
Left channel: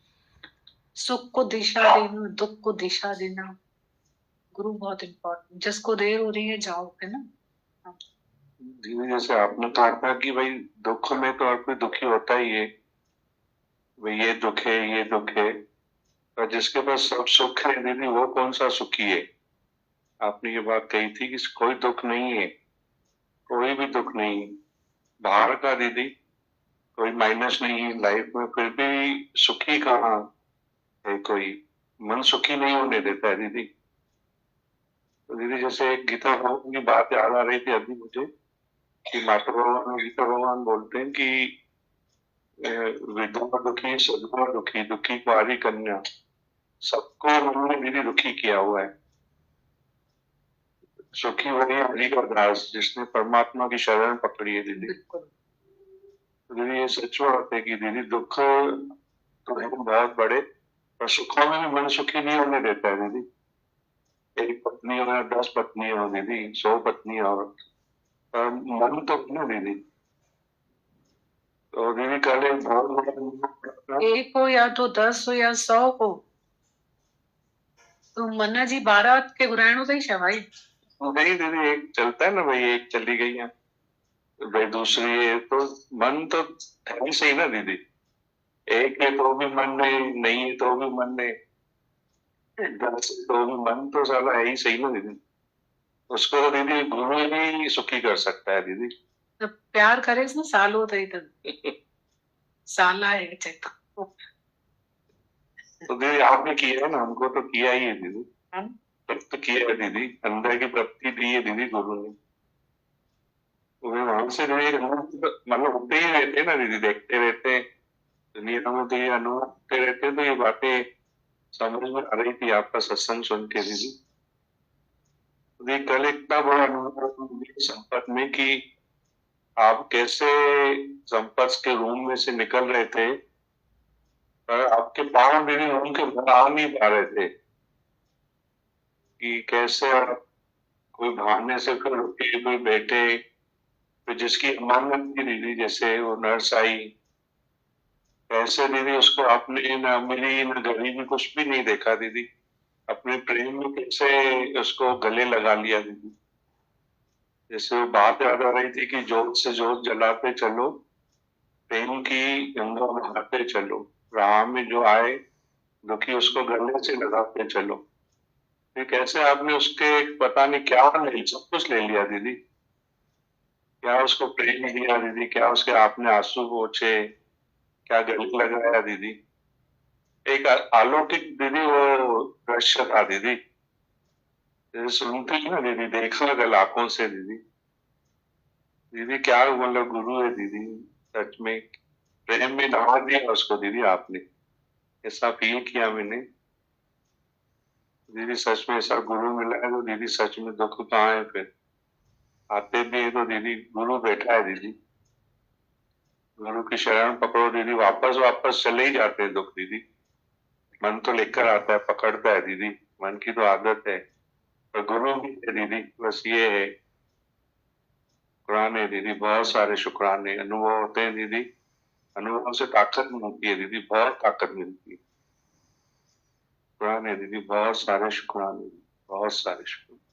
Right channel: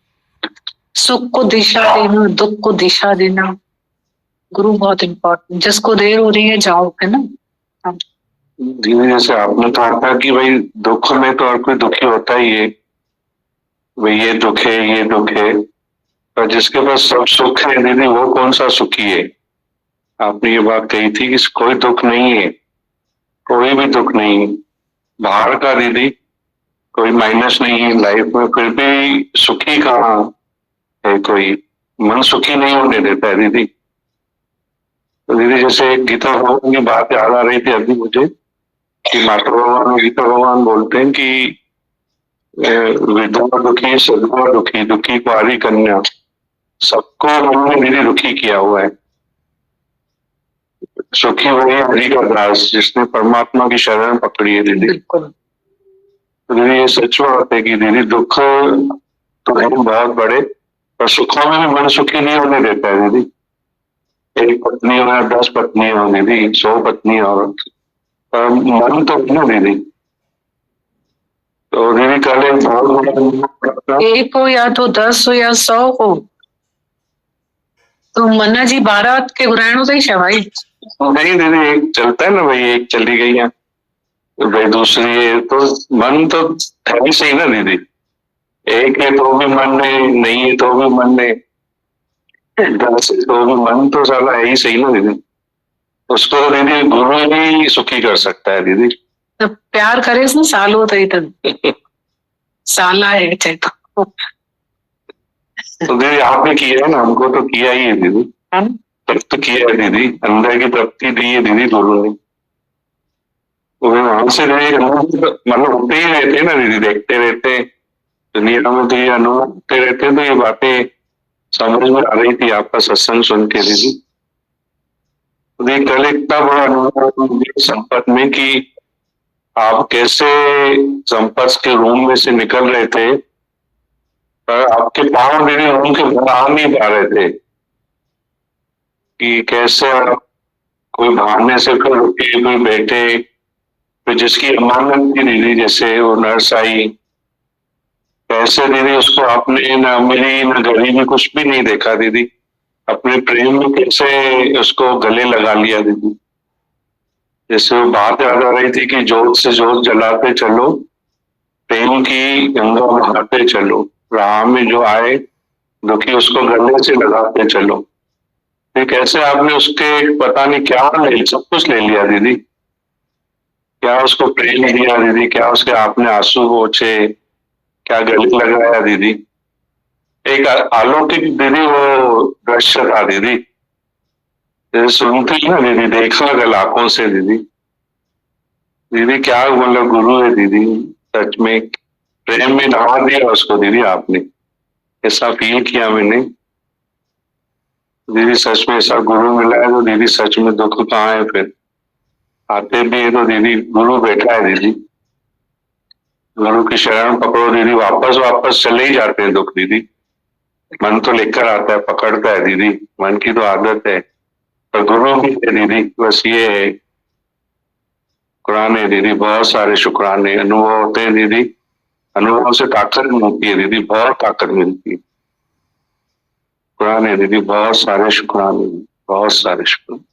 सुख को दिशा देना, दुख को दिशा देना, गुरु बहुत इम्पोर्टेंट। जिसको देर हो रही है जाओ, है ना। धीरे जैसे आपने तो कहा कि भाई दुख में तो हर कोई दुखी होता ही है, भाई ये दुख है, ये दुख है, पर जिसके पास सब सुख है दीदी, वो कौन सा सुखी है? आपने ये बात कही थी कि कोई दुख नहीं है, कोई भी दुख नहीं बाहर का दीदी, कोई माइनस नहीं है लाइफ में, फिर भी सुखी कहाँ है? कोई मन सुखी नहीं होने देता है दीदी। तो दीदी जैसे गीता भगवान की बात याद आ रही थी अभी मुझे, कि माता भगवान गीता भगवान बोलते हैं कि विधवा दुखी, सदवा दुखी, दुखी कुंवारी कन्या, सबको हमने दीदी दुखी किया हुआ है। सुखी वही हरि का दास जिसने परमात्मा की शरण पकड़ी है दीदी। बिल्कुल। तो दीदी ये सच बात है कि दीदी दुख तो है बहुत बड़े, पर सुखों में भी मन सुखी नहीं होने देता है दीदी। एक पत्नी हो या 10 पत्नी हो दीदी, 100 पत्नी हो, पर मन तो ना दीदी। तो दीदी कल एक बहुत एक हो या तो 10 हो या 100 हो, तो मन्ना जी 12 के ग्रहणों से ही शवाई नहीं दीदी, एक चलता है ना भाई, एक चली गई है तो भाई दूसरी है, तो मन तो है ही सही ना दीदी। एक है तो भी मन नहीं है तो भी मन है, 10 है तो भी मन तो साला है ही सही ना दीदी। उसको तो दीदी गुरु ही सुखी कर सकता है दीदी। तो प्यार करे इसने साल होता ही तब साला है चाहे तो दीदी आपने किया है ना, हमको तो किया ही है दीदी, तृप्त किया है दीदी, अंदर की तृप्ति दी है दीदी गुरु ने। वहां से मतलब होते ही रहते ना दीदी, देखते रहते दुनिया में, तो ये अनुभव होते रहते, तो ये बातें समझ में आ रही थी आपका सत्संग सुन के दीदी। कल इतना बड़ा अनुभव संपत में कि आप कैसे संपत के रूम में से निकल रहे थे, पर आपके पांव दीदी रूम के बाहर आ नहीं पा रहे थे, कि कैसे आप कोई भागने से फिर रुके, कोई बैठे, फिर जिसकी अमानत की दीदी जैसे वो नर्स आई, कैसे दीदी उसको आपने ना मिली ना गरीबी कुछ भी नहीं देखा दीदी, अपने प्रेम में कैसे उसको गले लगा लिया दीदी। जैसे वो बात याद आ रही थी कि जोत से जोत जलाते चलो, प्रेम की गंगा बहाते चलो, राह में जो आए दुखी उसको गले से लगाते चलो। फिर कैसे आपने उसके पता नहीं क्या सब कुछ ले लिया दीदी, क्या उसको प्रेम दिया दीदी, क्या उसके आपने आंसू पोंछे, क्या गले लगाया दीदी। एक अलौकिक दीदी वो दृश्य था दीदी, जैसे सुनती ना दीदी, देखा गल आंखों से दीदी। दीदी क्या मतलब गुरु है दीदी, सच में प्रेम में नहा दिया उसको दीदी आपने, ऐसा फील किया मैंने दीदी। सच में ऐसा गुरु मिला है तो दीदी सच में दुख कहाँ है, फिर आते भी है तो दीदी गुरु बैठा है दीदी। गुरु की शरण पकड़ो दीदी, वापस वापस चले ही जाते हैं दुख दीदी। मन तो लेकर आता है, पकड़ता है दीदी, मन की तो आदत है, पर गुरु भी है दीदी। बस ये है, शुक्राने दीदी, बहुत सारे शुक्राने। अनुभव होते हैं दीदी, अनुभव से ताकत मिलती है दीदी, बहुत ताकत मिलती है। शुक्राने दीदी, बहुत सारे शुक्राने, बहुत सारे शुक्राने।